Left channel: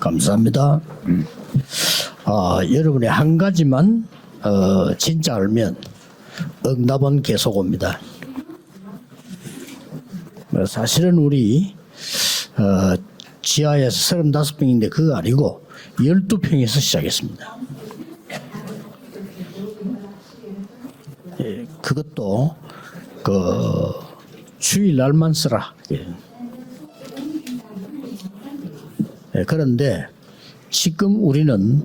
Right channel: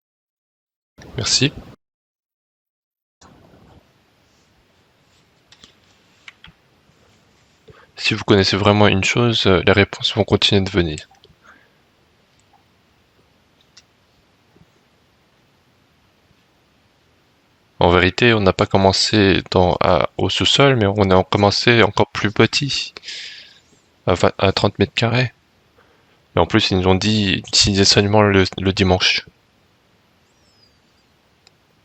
감사합니다. Merci. 여러분이 한 가지만 진짜 알면 응답은 계속 옵니다. Si vous connaissez vraiment une chose, les réponses vont continuer de venir. 사실은 우리 지하에서 35평인데 그거 아니고 12평에서 시작했습니다. En vérité, on n'a pas commencé au sous-sol, mais on a commencé encore plus petit, à 30 mètres carrés. 주일날만 쓰라. Et en plus, ils nous ont dit utiliser seulement le dimanche. 그런데 지금 우리는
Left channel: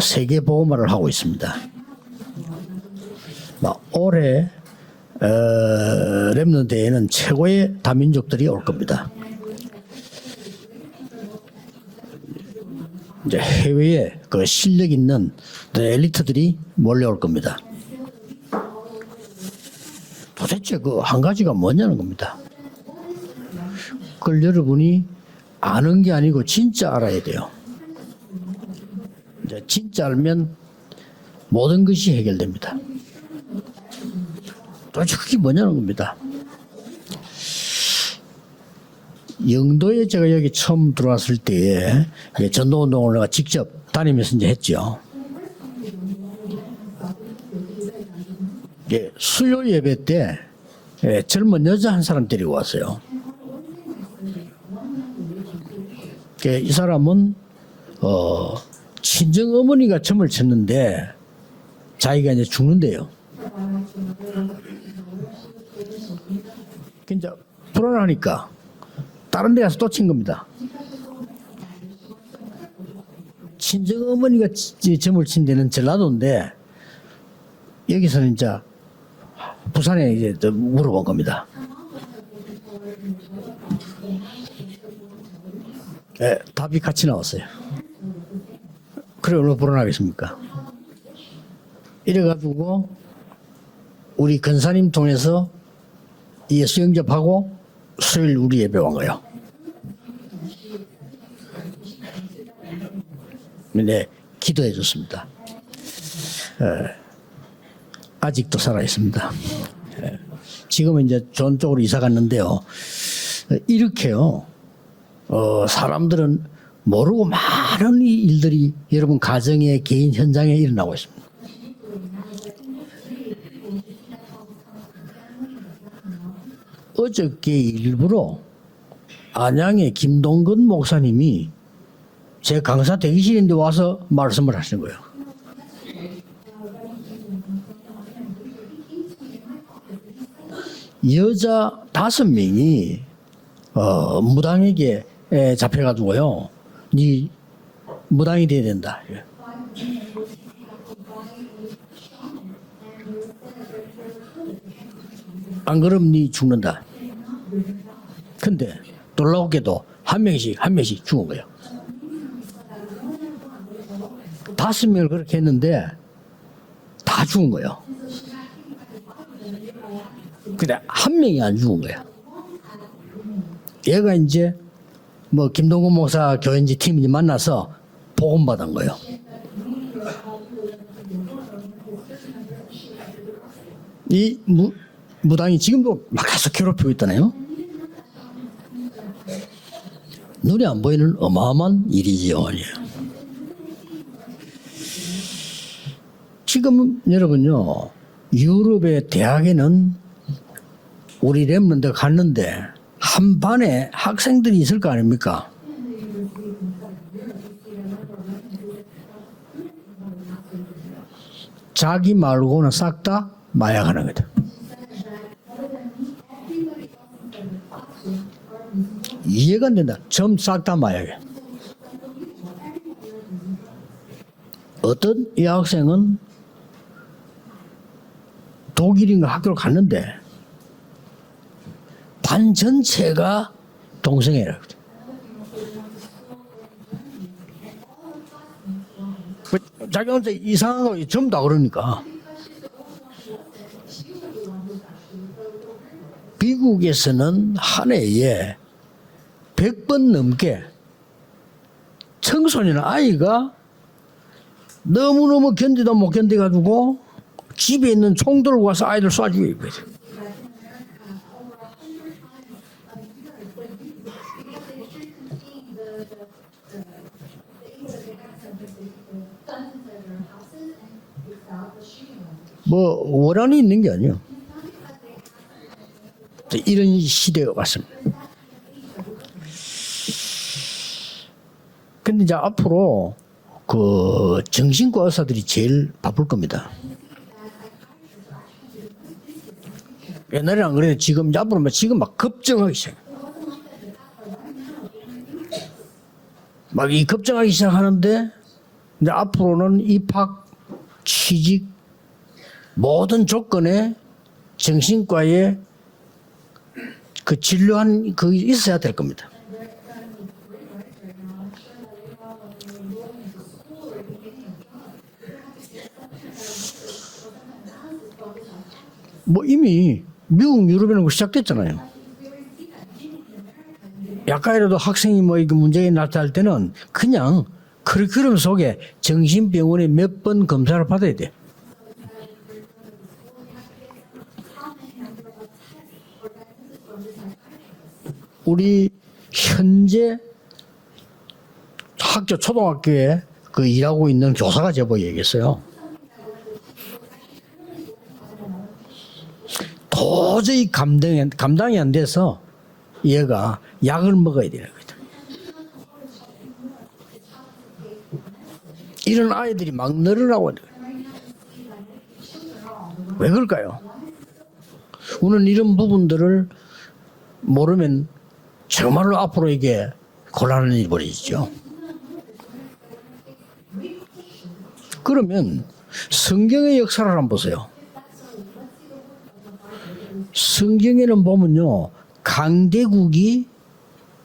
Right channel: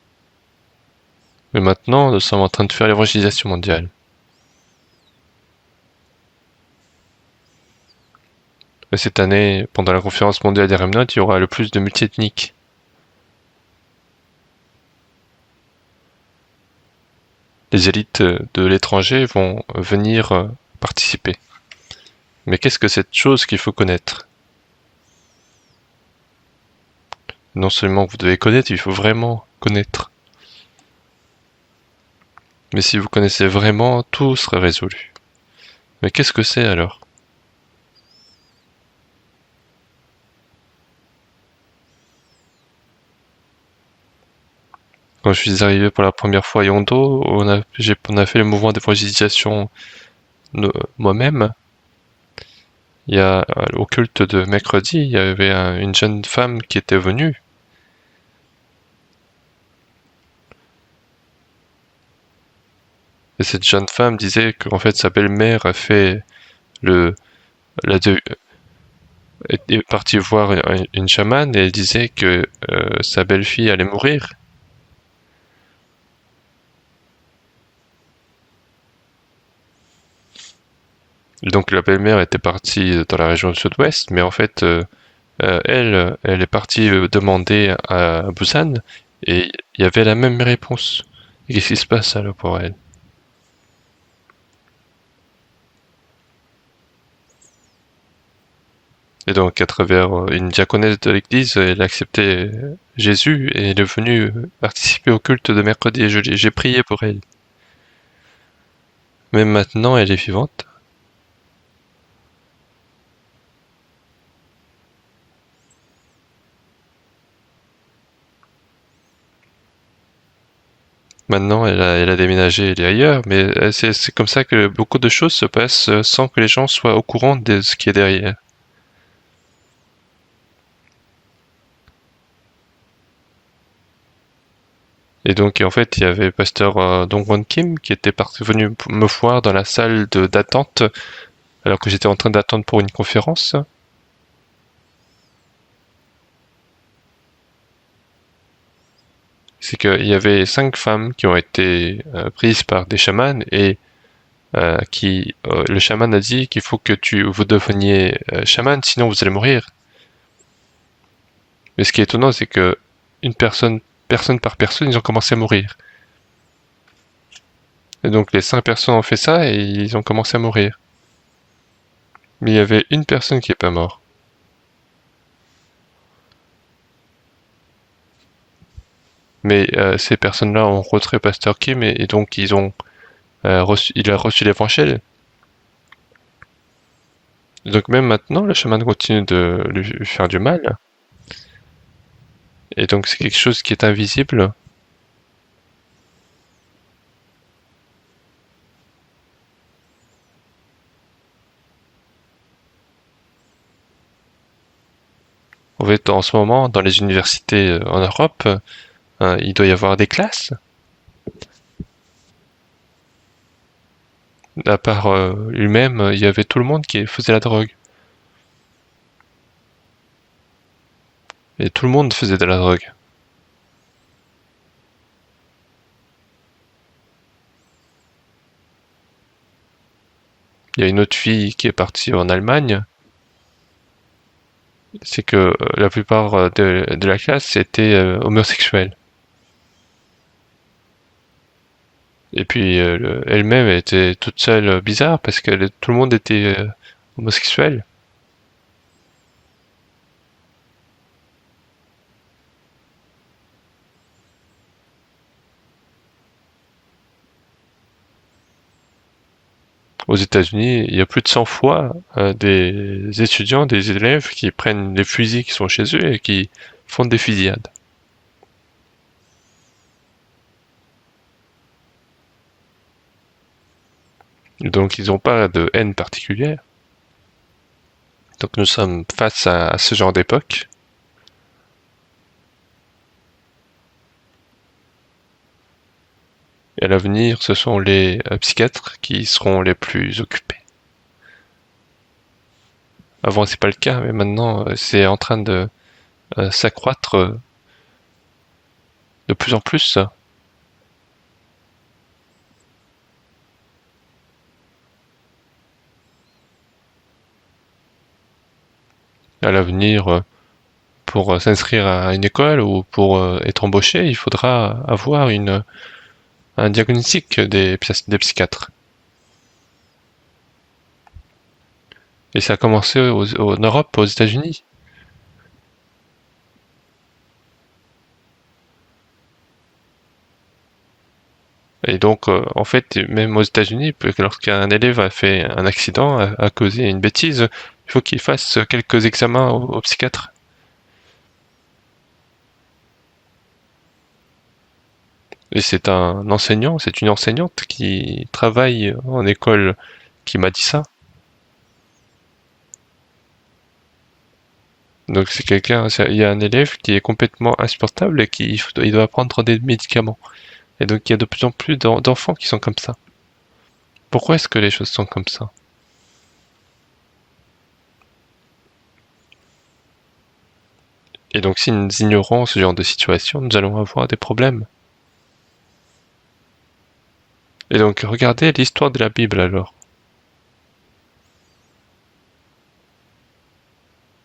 세계 복음화를 하고 있습니다. Et maintenant, nous sommes en train de faire l'évangélisation mondiale. 올해 렘넌트에는 최고의 다민족들이 올 겁니다. Et cette année, pendant la conférence mondiale des Remnants, il y aura le plus de multiethniques. 이제 해외에 그 실력 있는 엘리트들이 몰려올 겁니다. Les élites de l'étranger vont venir 도대체 그 한 participer. 가지가 뭐냐는 겁니다. Mais qu'est-ce que cette chose qu'il faut connaître? 그걸 여러분이 아는 게 아니고 진짜 알아야 돼요. Non seulement vous devez connaître, il faut vraiment 진짜 connaître. 알면 모든 것이 해결됩니다. Mais si vous connaissez vraiment, tout sera résolu. 도대체 그게 뭐냐는 겁니다. Mais qu'est-ce que c'est alors? 영도에 제가 여기 처음 들어왔을 때에 전도운동을 내가 직접 다니면서 이제 했죠. Quand je suis arrivé pour la première fois à Yondo, on a fait le mouvement d'évangélisation 수요 예배 때 moi-même. 젊은 여자 한 사람 데리고 왔어요. Il y a au culte de mercredi, il y avait une jeune femme 이 qui était venue. 친정 어머니가 점을 쳤는데 자기가 이제 죽는데요. Et cette jeune femme disait qu'en fait sa belle-mère a fait 그러니까 다른 데 가서 est 또 partie 칩니다. voir une chamane et elle disait que sa belle-fille allait 친정 mourir. 어머니가 점을 친 데는 전라도인데 여기서는 이제 부산에 이제 물어본 겁니다. Donc la belle-mère était partie dans la région du sud-ouest, mais en fait elle est partie demander à Busan et il y avait la même réponse. Et qu'est-ce qui se passe alors pour elle? 그래가지고 우리 근사님 통해서 예수 영접하고 수요일 우리 예배 온 거예요. Et donc à travers une diaconesse de l'église, elle a accepté Jésus et elle est venue participer au culte de mercredi et j'ai prié pour elle. 아직도 살아 있습니다. Même maintenant, elle est vivante. 지금은 이제 좋은 쪽으로 이사 갔는데요. 이렇게요. 사람들은 모르고 많은 일들이 여러분 가정의 개인 현장에 일어나고 있습니다. Maintenant, elle a déménagé, elle est ailleurs, mais c'est comme ça que beaucoup de choses se passent sans que les gens soient au courant de ce qui est derrière. 안양의 김동근 목사님이 제 강사 대기실인데 와서 말씀을 하시는 거예요. Et donc, en fait, il y avait pasteur Dongwon Kim qui était venu me voir dans la salle d'attente 여자 alors que j'étais en train d'attendre pour une conférence. 무당에게 잡혀가지고요. 네 무당이 돼야 된다. C'est qu'il y avait 5 femmes qui ont été prises par des chamans et le chaman a dit qu'il faut que vous deveniez chaman, sinon vous allez mourir. 한 명씩 죽은 거예요. Mais ce qui est étonnant, c'est que personne par personne, ils ont commencé à mourir. 다 죽은 거예요. Et donc les 5 personnes ont fait ça et ils ont commencé à mourir. 근데 한 명이 안 죽은 거예요. Mais il y avait une personne qui est pas morte. 얘가 이제 뭐 김동근 목사 교인지 팀이 만나서 복음 받은 거예요. Mais ces personnes-là ont rencontré pasteur Kim et donc il a reçu l'évangile. 무당이 지금도 막 계속 괴롭히고 있다네요. Donc même maintenant, le chaman continue de lui faire du mal. 눈에 안 보이는 어마어마한 일이지요. Et donc c'est quelque chose qui est invisible. 지금 여러분요, 유럽의 대학에는 우리 렘넌트 갔는데 한 반에 학생들이 있을 거 아닙니까? En fait, en ce moment, dans les universités en Europe, il doit y avoir des classes. 자기 말고는 싹 다 마약하는 거다. À part lui-même, il y avait tout le monde qui faisait la drogue. 이해가 안 된다. 전 싹 다 마약이야. Et tout le monde faisait de la drogue. 어떤 여학생은 독일인가 학교를 갔는데 Il y a une autre fille qui est partie en 반 Allemagne. 전체가 동성애라. C'est que la plupart de la classe était homosexuelle. 자기 혼자 이상한 거 전부 다 그러니까. Et puis elle-même était toute seule bizarre parce que tout le monde était 미국에서는 homosexuel. 한 해에 100번 넘게 청소년 아이가 너무너무 견디다 못 견뎌가지고 집에 있는 총 들고 와서 아이들 쏴주고 있거든. Aux États-Unis, il y a plus de 100 fois des étudiants, des élèves qui prennent les fusils qui sont chez eux et qui font des fusillades. 뭐 원한이 있는 게 아니에요. Donc ils n'ont pas de haine particulière. 이런 시대가 왔습니다. Donc nous sommes face à ce genre d'époque. 근데 이제 앞으로 그 정신과 의사들이 제일 바쁠 겁니다. Et à l'avenir, ce sont les psychiatres qui seront les plus occupés. 옛날에는 안 그래도 지금 이제 앞으로 지금 막 급증하기 시작. Avant, c'est pas le cas, mais maintenant, c'est en train de 막 이 s'accroître. 급증하기 시작하는데 이제 plus en 앞으로는 plus. 입학, 취직 모든 조건에 정신과에 그 진료한 그 있어야 될 겁니다. À l'avenir, pour s'inscrire à une école ou pour être embauché, il faudra avoir un diagnostic des psychiatres. 뭐 이미 미국, 유럽에는 그거 시작됐잖아요. Et ça a commencé en Europe, aux États-Unis. 약간이라도 학생이 뭐 이게 문제가 나타날 때는 그냥 커리큘럼 속에 정신병원에 몇 번 검사를 받아야 돼. Et donc, en fait, même aux États-Unis, lorsqu'un élève a fait un accident, a causé une bêtise, il faut qu'il fasse Oui, quelques examens au psychiatre. 학교 초등학교에 그 일하고 있는 교사가 제보 얘기했어요. Et c'est un enseignant, c'est une enseignante qui travaille en école qui m'a dit 도저히 ça. 감당이 안 돼서 얘가 약을 먹어야 되는 거죠. Donc c'est quelqu'un, il y a un élève qui est complètement insupportable et il doit 이런 prendre des 아이들이 막 médicaments. 늘어나고 Et donc il y a de plus en plus d'enfants qui sont comme ça. 왜 그럴까요? Pourquoi est-ce que les choses sont comme ça? 우리는 이런 부분들을 모르면 정말로 앞으로 이게 곤란한 일이 벌어지죠. Et donc si nous ignorons ce genre de situation, nous allons avoir des problèmes. 그러면 성경의 역사를 한번 보세요. Et donc regardez l'histoire de la Bible alors. 성경에는 보면요, 강대국이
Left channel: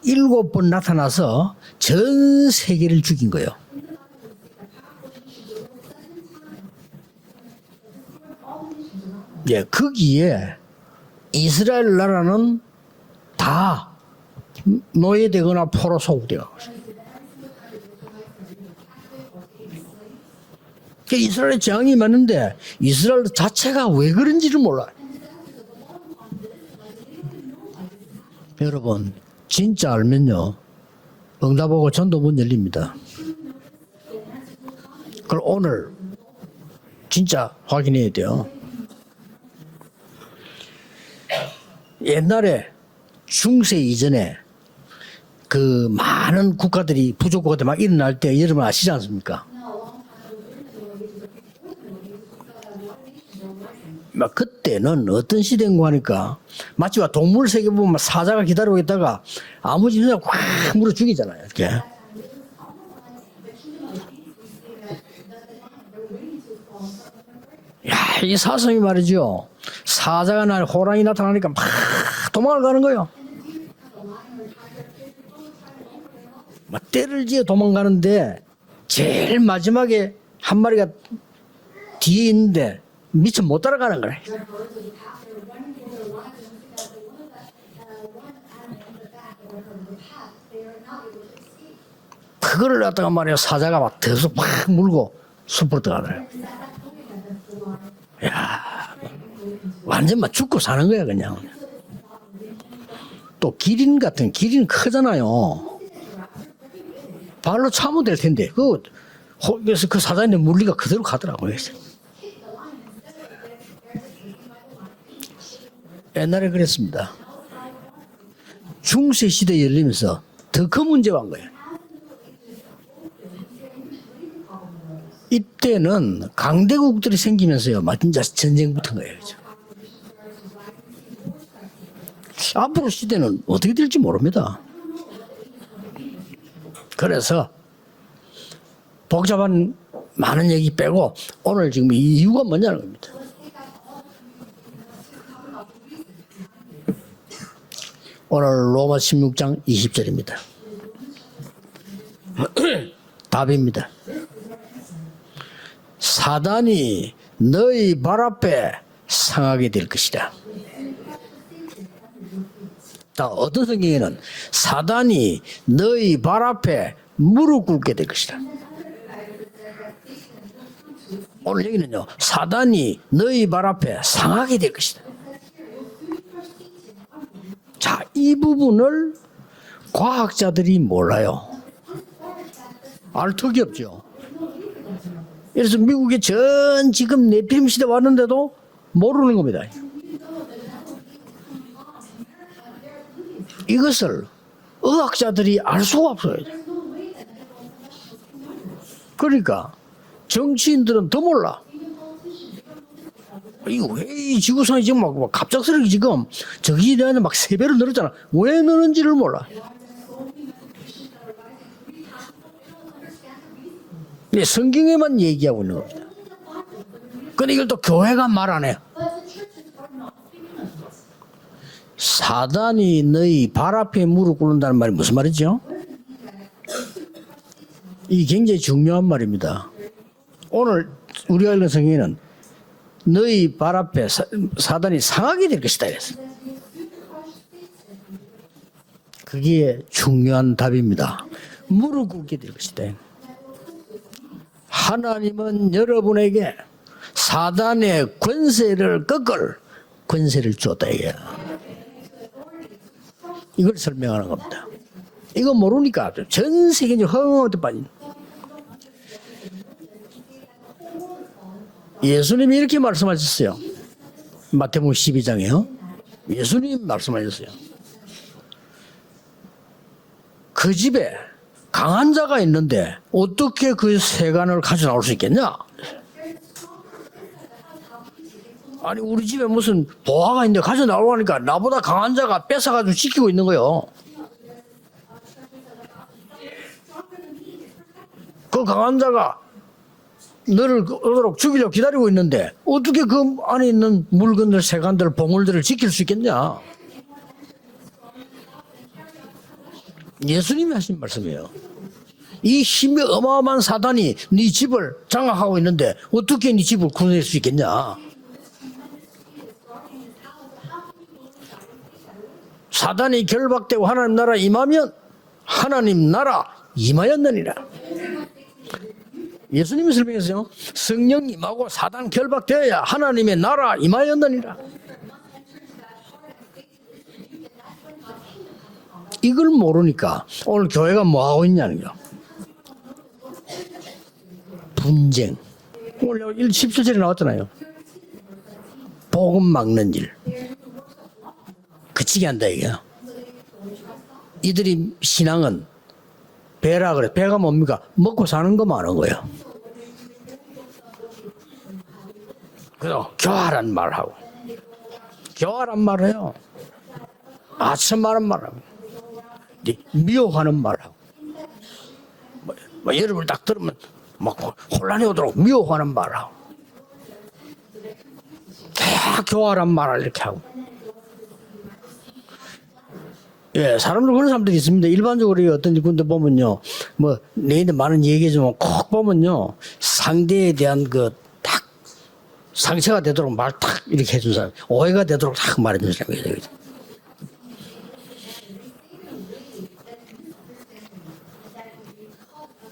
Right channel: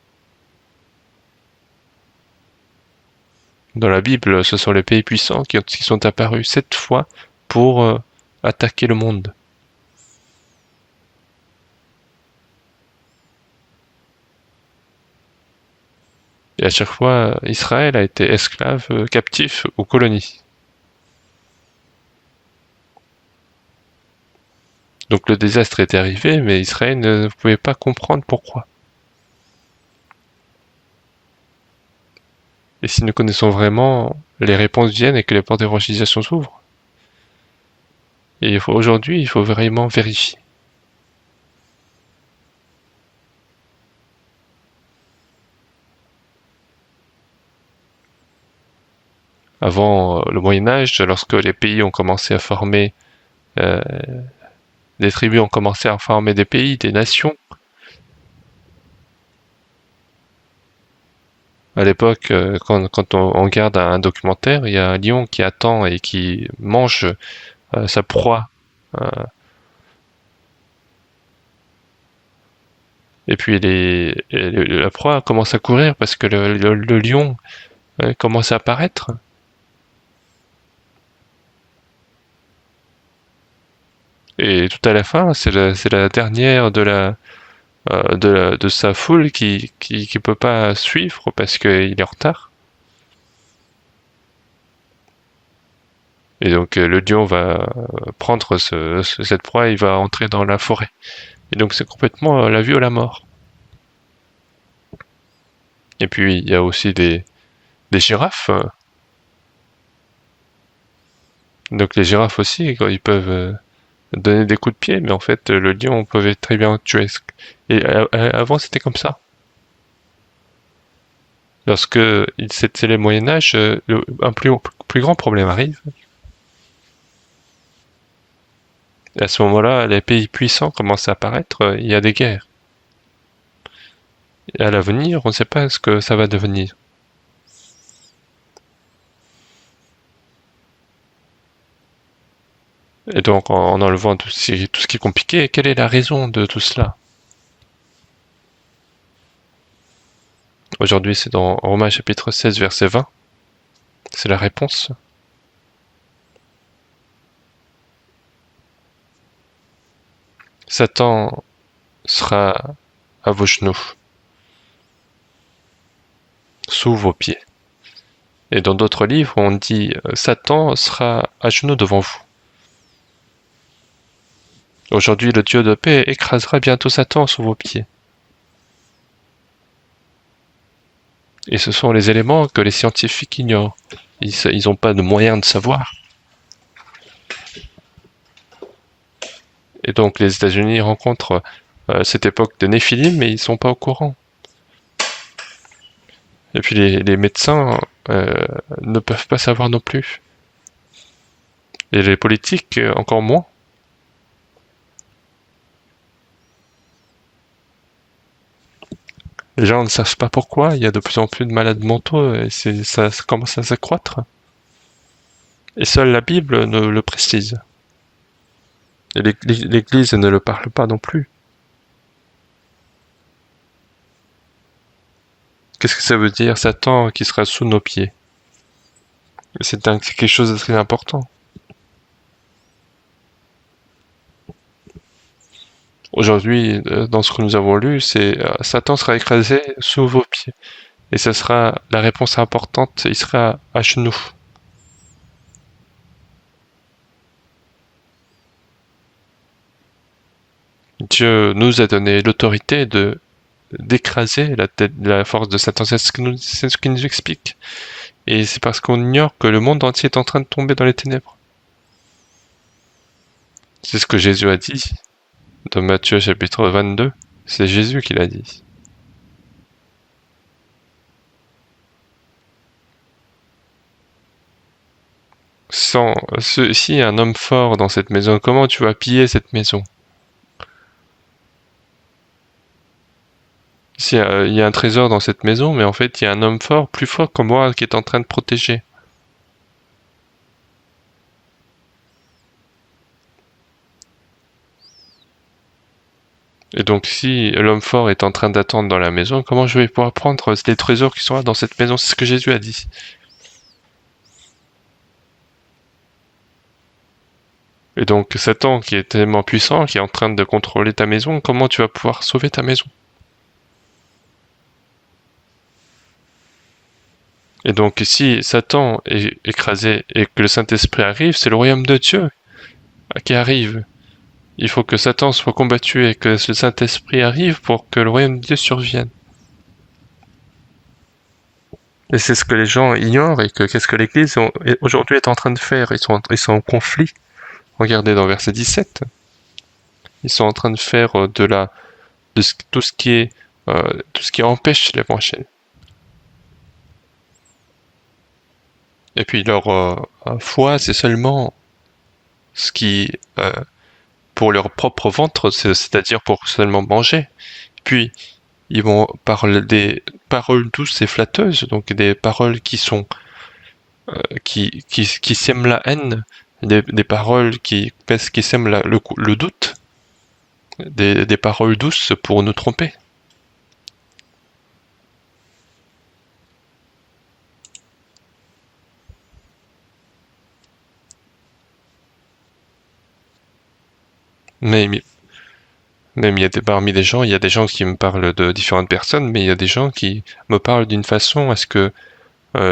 7번 나타나서 전 세계를 죽인 거예요. Dans la Bible, ce sont les pays puissants qui sont apparus 7 fois pour attaquer le monde. 예, 거기에 이스라엘 나라는 다 노예되거나 포로 소국되어. Et à chaque fois, Israël a été esclave, captif aux colonies. 이스라엘의 재앙이 많은데 이스라엘 자체가 왜 그런지를 몰라요. Donc le désastre était arrivé, mais Israël ne pouvait pas comprendre pourquoi. 여러분, 진짜 알면요, 응답하고 전도 문 열립니다. Et si nous connaissons vraiment, les réponses viennent et que les portes d'évangélisation s'ouvrent. 진짜 확인해야 돼요. Et aujourd'hui, il faut vraiment vérifier. 옛날에 중세 이전에 그 많은 국가들이 부족 국가들 막 일어날 때 여러분 아시지 않습니까? Avant le Moyen-Âge, lorsque les pays ont commencé à former, 막 그때는 les tribus ont commencé à former des pays, des nations. 동물 세계 보면 사자가 기다리고 있다가 아무 짓이나 확 물어 죽이잖아요. 이렇게. À l'époque, quand on regarde un documentaire, il y a un lion qui attend et qui mange sa 이 proie. 사슴이 말이죠. 사자가 날 호랑이 나타나니까 막 도망을 가는 거예요. Et puis la proie commence à courir parce que le lion 이제 도망가는데 commence à apparaître. 제일 마지막에 한 마리가 뒤에 있는데 미처 못 따라가는 거예요. Et tout à la fin, c'est la dernière de sa foule qui peut pas suivre parce qu'il est en retard. 그거를 갖다가 말이야 사자가 막 더서 막 물고 숲으로 들어가요. Et donc le lion va prendre cette proie, il va 완전 entrer 막 dans la 죽고 사는 forêt. 거야 그냥. Et donc c'est complètement la vie ou la mort. 또 기린 같은 기린 크잖아요. Et puis il y a aussi des 발로 차면 des girafes. 되는데 그래서 그 사자인데 물리가 그대로 가더라고요. Donc les girafes aussi, ils peuvent donner des coups de pied, mais en fait le lion peut être très bien tué. Et avant c'était comme ça. 중세 시대 열리면서 더 큰 문제가 온 거예요. Lorsque c'était le Moyen Âge, un plus grand problème arrive. 그때는 강대국들이 생기면서요, 진짜 전쟁 붙은 거예요. Et à ce moment-là, les pays puissants commencent à apparaître, il y a des guerres. 앞으로 시대는 어떻게 될지 모릅니다. Et à l'avenir, on ne sait pas ce que ça va devenir. 그래서 복잡한 많은 얘기 빼고 오늘 지금 이유가 뭐냐는 겁니다. Et donc, en enlevant tout ce qui est compliqué, quelle est la raison de tout cela? 오늘 로마 16장 20절입니다. Aujourd'hui, c'est dans Romains chapitre 16, verset 20. 답입니다. C'est la réponse. 사단이 너희 발 앞에 상하게 될 것이다. Satan sera 자, à vos 어떤 genoux, 성경에는 사단이 너희 발 앞에 sous vos pieds. 무릎 꿇게 될 것이다. Et dans d'autres livres, on dit Satan sera à genoux devant vous. 사단이 너희 발 앞에 상하게 될 것이다. Aujourd'hui, le Dieu de paix écrasera bientôt Satan sous vos pieds. 자, 이 부분을 과학자들이 몰라요. Et ce sont les éléments que les scientifiques 알 턱이 ignorent. 없죠. Ils n'ont pas de moyens de 그래서 savoir. 미국에 전 지금 네피림 시대 왔는데도 모르는 겁니다. Et donc les États-Unis rencontrent cette époque de Néphilim, mais ils ne sont pas au courant. 이것을 의학자들이 알 수가 없어요. Et puis les médecins ne peuvent pas savoir non plus. 정치인들은 더 몰라. Et les politiques encore moins. 이거 왜 이 지구상이 지금 막 갑작스럽게 지금 저기에 대한 막 3배로 늘었잖아. 왜 늘었는지를 몰라. Les gens ne savent pas pourquoi. Il y a de plus en plus de malades mentaux et ça commence à s'accroître. 네, 성경에만 얘기하고 있는 Et 거야. seule la Bible ne le 근데 précise. 이걸 또 교회가 말 안 해. Et l'Église ne le parle pas non plus. 사단이 너희 발 앞에 무릎 꿇는다는 말이 무슨 말이죠? Qu'est-ce que ça veut dire, Satan qui sera sous nos pieds? 이 굉장히 중요한 말입니다. C'est quelque chose de très 오늘 important. 우리가 읽은 성경에는 너희 발 앞에 사단이 상하게 될 것이다. 그랬어요. Aujourd'hui, dans ce que nous avons lu, c'est Satan sera écrasé 이게 sous vos pieds. 중요한 답입니다. Et ce sera la réponse importante. Il sera à genoux. 하나님은 여러분에게 사단의 권세를 꺾을 권세를 줬다 이게. Dieu nous a donné l'autorité 이걸 d'écraser la force de Satan. C'est ce qu'il nous explique. Et c'est parce qu'on ignore que le monde entier est en train de tomber dans les ténèbres. 예수님이 이렇게 말씀하셨어요. C'est ce que Jésus a 마태복음 dit 12장에요. dans Matthieu chapitre 22. C'est Jésus qui l'a dit. 그 집에 강한 자가 있는데 어떻게 그 세간을 가져 나올 수 있겠냐? Si un homme fort dans cette maison, comment tu vas 아니, piller 우리 집에 cette 무슨 maison? 보화가 있는데 가져 나오니까 나보다 강한 자가 뺏어가지고 지키고 있는 거예요. Si il y a un trésor dans cette maison, mais en fait il y a un homme fort, plus fort que moi, qui est en train de 그 protéger. 강한 자가 너를 얻도록 죽이려고 기다리고 있는데 어떻게 그 안에 있는 물건들, 세간들, 보물들을 지킬 수 있겠냐? Et donc si l'homme fort est en train d'attendre dans la maison, comment je vais pouvoir prendre les trésors qui sont là dans cette maison? C'est ce que Jésus a 이 dit. 힘이 어마어마한 사단이 네 집을 장악하고 있는데 어떻게 네 집을 구원할 수 있겠냐? Et donc Satan qui est tellement puissant, qui est en train de contrôler ta maison, comment tu vas pouvoir sauver ta maison? 사단이 결박되고 하나님 나라 임하면 하나님 나라 임하였느니라. Et donc si Satan est écrasé et que le Saint-Esprit arrive, c'est le royaume de Dieu qui arrive. Il faut que Satan soit combattu et que le Saint-Esprit arrive pour que le royaume de Dieu survienne. 이걸 모르니까 오늘 교회가 뭐 하고 있냐는 거. Et c'est ce que les gens ignorent et que qu'est-ce que l'Église aujourd'hui est en train de faire. Ils sont en conflit. Regardez dans verset 17. 복음 막는 일. Ils sont en train de faire 그치게 한다 이게. tout ce qui empêche l'évangile. 신앙은 배라 그래. 배가 뭡니까? 먹고 사는 것만 하는 거예요. Et puis leur foi, c'est seulement ce qui, 교활한 말하고. pour leur propre ventre, c'est-à-dire pour seulement manger. Puis, 아첨마는 말하고. ils vont parler des paroles douces et flatteuses, donc des paroles qui sont 여러분 딱 들으면 qui sèment la haine, des paroles qui sèment le doute, 교활한 말을 이렇게 하고. des paroles douces pour nous tromper. 예, 사람들 그런 사람들이 있습니다. 일반적으로 어떤 군데 보면요, 뭐 내인데 많은 얘기지만 꼭 보면요, 상대에 대한 그 딱 상처가 되도록 말 딱 이렇게 해준 사람, 오해가 되도록 딱 말해준 사람. Même parmi les gens, il y a des gens qui me parlent de différentes personnes, mais il y a des gens qui me parlent d'une façon à ce que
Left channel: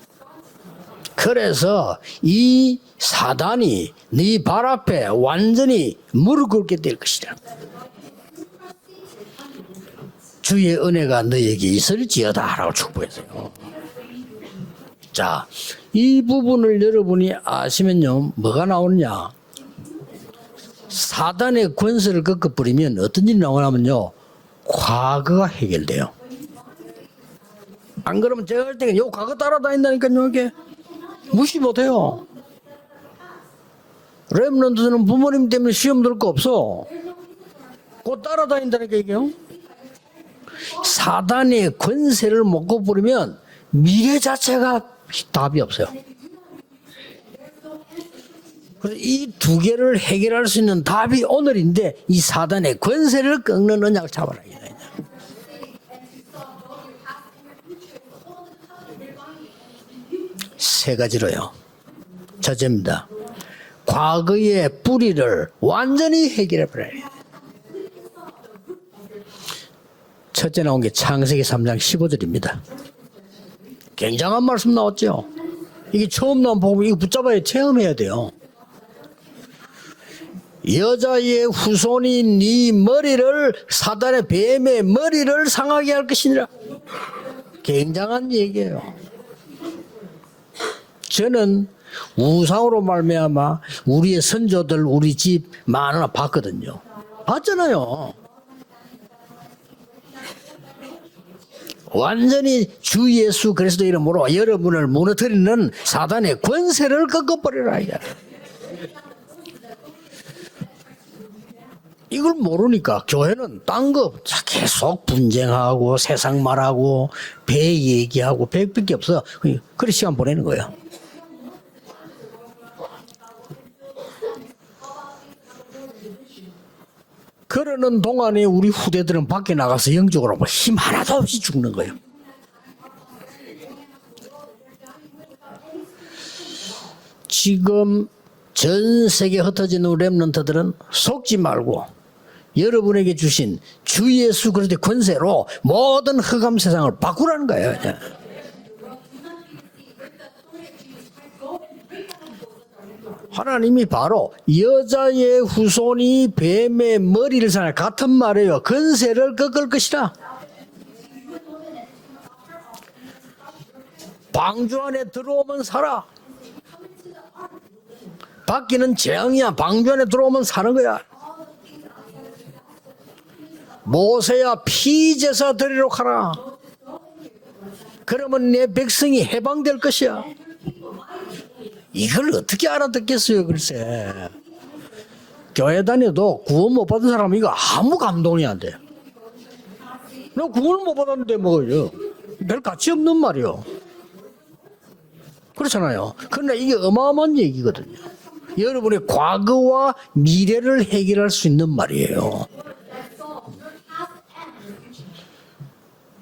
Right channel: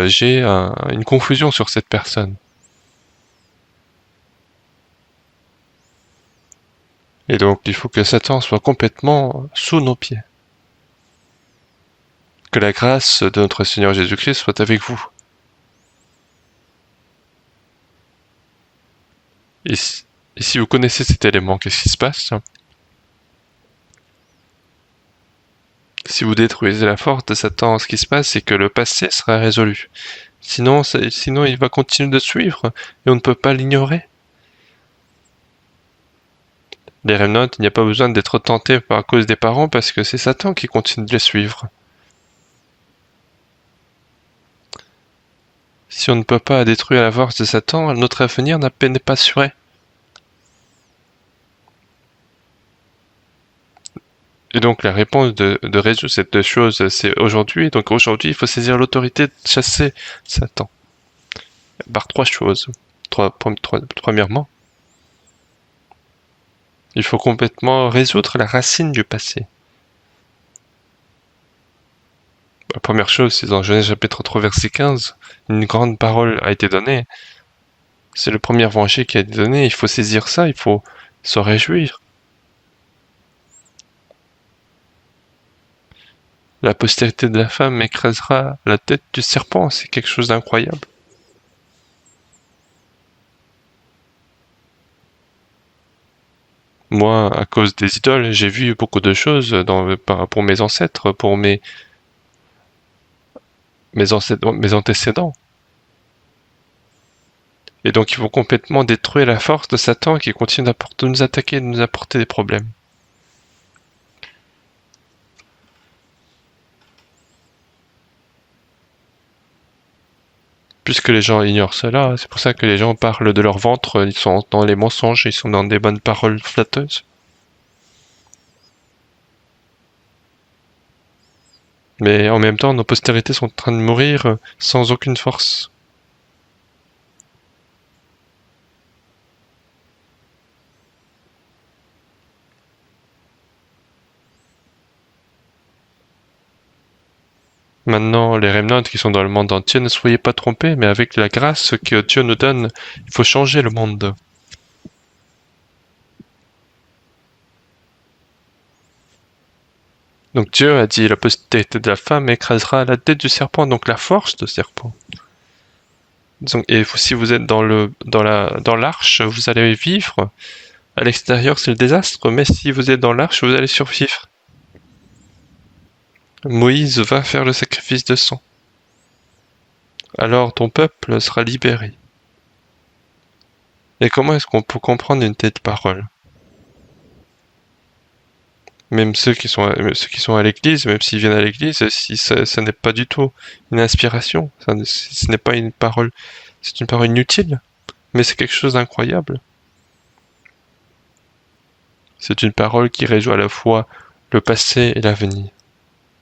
j'ai une confusion sur cette personne. 이 사단이 네 발 앞에 완전히 무릎 꿇게 될 것이다. Et donc, il faut que Satan soit complètement sous nos pieds. 주의 은혜가 너에게 있을지어다. Que la grâce de notre Seigneur Jésus-Christ soit avec vous. 자, 이 부분을 여러분이 아시면요, 뭐가 나오느냐? Et si vous connaissez cet élément, qu'est-ce qui se passe? 꺾어버리면 어떤 일이 나오냐면요, 과거가 해결돼요. Si vous détruisez la force de Satan, ce qui se passe, c'est que le passé sera résolu. Sinon, il va continuer de suivre et on ne peut pas l'ignorer. 렘넌트는 부모님 때문에 시험 들 거 없어. Les remnants, il n'y a pas besoin d'être tenté à cause des parents parce que c'est Satan qui continue de les suivre. 사단의 권세를 못 꺾어버리면 미래 자체가 답이 없어요. Si on ne peut pas détruire la force de Satan, notre avenir n'est pas assuré. 두 개를 해결할 수 있는 답이 오늘인데 이 사단의 권세를 꺾는 언약을 잡아라. Et donc la réponse de résoudre cette deux choses, c'est aujourd'hui. Donc aujourd'hui, il faut saisir l'autorité de chasser Satan. 세 가지로요. Par trois choses. Premièrement, 과거의 뿌리를 완전히 해결해 버려요. il faut complètement résoudre la racine du passé. 첫째 나온 게 창세기 3장 15절입니다. La première chose, c'est dans Genèse chapitre 3, verset 15, une grande 이게 parole a 처음만 été 보고 donnée. 붙잡아야 체험해야 돼요. C'est le premier évangile qui a été donné, il faut saisir ça, il faut 여자의 se réjouir. 후손이 네 머리를 사단의 뱀의 머리를 상하게 할 것이니라. La postérité de la femme écrasera la tête du serpent, c'est quelque chose d'incroyable. 저는 우상으로 말미암아 우리의 선조들 우리 집 많으나 봤거든요. Moi, à cause 봤잖아요. des idoles, j'ai vu beaucoup de choses pour mes ancêtres, pour mes... 완전히 주 예수 그리스도 mes 이름으로 여러분을 antécédents. 무너뜨리는 사단의 권세를 꺾어버리라. Et donc ils vont complètement détruire la force de Satan qui continue de nous attaquer, de nous apporter des 이걸 problèmes. 모르니까 교회는 딴 거 계속 분쟁하고 세상 말하고 배 얘기하고 배밖에 없어. 그래 시간 보내는 거예요. Puisque les gens ignorent cela, c'est pour ça que les gens parlent de leur ventre, ils sont dans les mensonges, ils sont dans des bonnes paroles flatteuses. 그러는 동안에 우리 후대들은 밖에 나가서 영적으로 뭐 힘 하나도 없이 죽는 거예요. Mais en même temps, nos postérités sont en train de mourir sans aucune force. 지금 전 세계 흩어진 우리 렘넌트들은 속지 말고 여러분에게 주신 주 예수 그리스도의 권세로 모든 흑암 세상을 바꾸라는 거예요. Maintenant, les remnants qui sont dans le monde entier, ne soyez pas trompés, mais avec la grâce que Dieu nous donne, il faut changer le 하나님이 monde. 바로 여자의 후손이 뱀의 머리를 사는 같은 말이에요. 권세를 꺾을 것이라. Donc Dieu a dit, la postérité de la femme écrasera la tête du serpent, donc la force du 방주 serpent. 안에 들어오면 살아. Donc, et si vous êtes dans l'arche, vous 재앙이야. allez 방주 안에 vivre. 들어오면 사는 거야. À l'extérieur, c'est le désastre, mais si vous êtes dans l'arche, vous allez survivre. 모세야 피제사 드리러 가라. Moïse va faire le sacrifice de sang. 그러면 내 백성이 해방될 것이야. Alors ton peuple sera libéré. 이걸 어떻게 알아듣겠어요, 글쎄. Et comment est-ce qu'on peut comprendre une telle 교회 parole? 다녀도 구원 못 받은 사람 이거 아무 감동이 안 돼. Même ceux qui sont à l'église, même s'ils viennent à l'église, si ça n'est pas du tout une inspiration. Ce n'est pas une parole, 그러나 이게 c'est une parole 어마어마한 inutile. 얘기거든요. Mais c'est quelque chose 여러분의 d'incroyable. 과거와 미래를 해결할 수 있는 말이에요. C'est une parole qui réjoue à la fois le passé et l'avenir.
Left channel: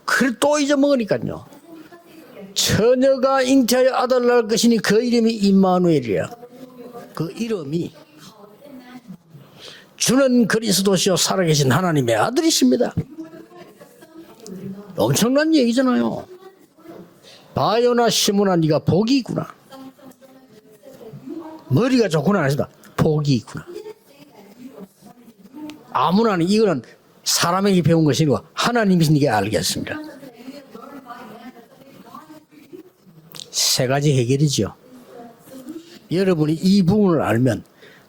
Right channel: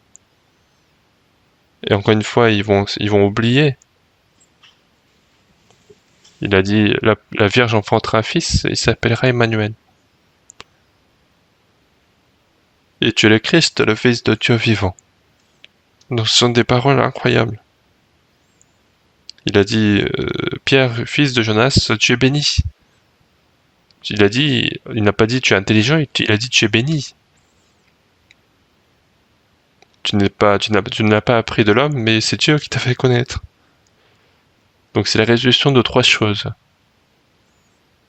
그래 또 잊어먹으니까요. Et encore une fois, ils vont 처녀가 oublier. 잉태하여 아들 낳을 것이니 그 이름이 임마누엘이야. Il a dit, la Vierge enfantera un fils, il s'appellera Emmanuel. 주는 그리스도시요 살아계신 하나님의 아들이십니다. Et tu es le Christ, le Fils de Dieu vivant. 엄청난 얘기잖아요. Donc ce sont des paroles incroyables. 바요나 시몬아 네가 복이 있구나. Il a dit, Pierre, fils de Jonas, 머리가 tu es 좋구나 béni. 하니까 복이 있구나. Il a dit, il n'a pas dit tu es intelligent, il a dit tu es béni. 사람에게 배운 것이 아니고 하나님이시니까 알겠습니다. Tu ne l'as pas appris de l'homme, mais c'est Dieu qui t'a fait connaître. 세 가지 해결이죠. Donc c'est la résolution de trois choses. 여러분이 이 부분을 알면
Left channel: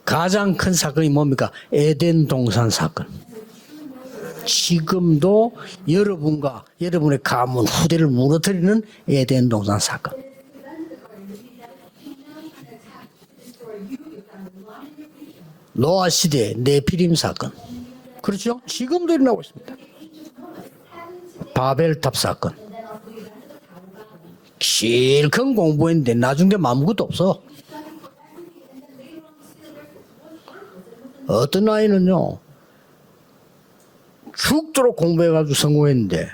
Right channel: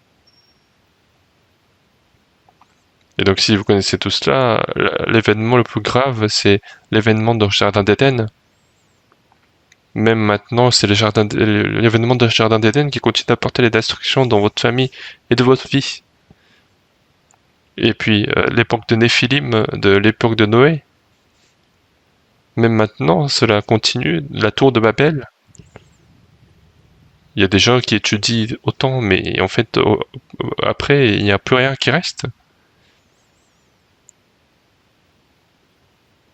가장 큰 사건이 뭡니까? 에덴 동산 사건. Et donc si vous connaissez tout cela, l'événement le plus grave, c'est l'événement dans le jardin d'Éden. 무너뜨리는 에덴 동산 사건. Même maintenant, c'est l'événement du jardin d'Éden qui continue d'apporter les destructions dans votre famille et de votre vie. 노아 시대 네피림 사건. Et puis l'époque de Néphilim, de l'époque de Noé. 바벨탑 사건. Même maintenant, cela continue. La tour de Babel. 제일 큰 공부했는데 나중 되면 아무것도 없어. Il y a des gens qui étudient autant, mais en fait, après, il n'y a plus rien qui reste. 죽도록 공부해가지고 성공했는데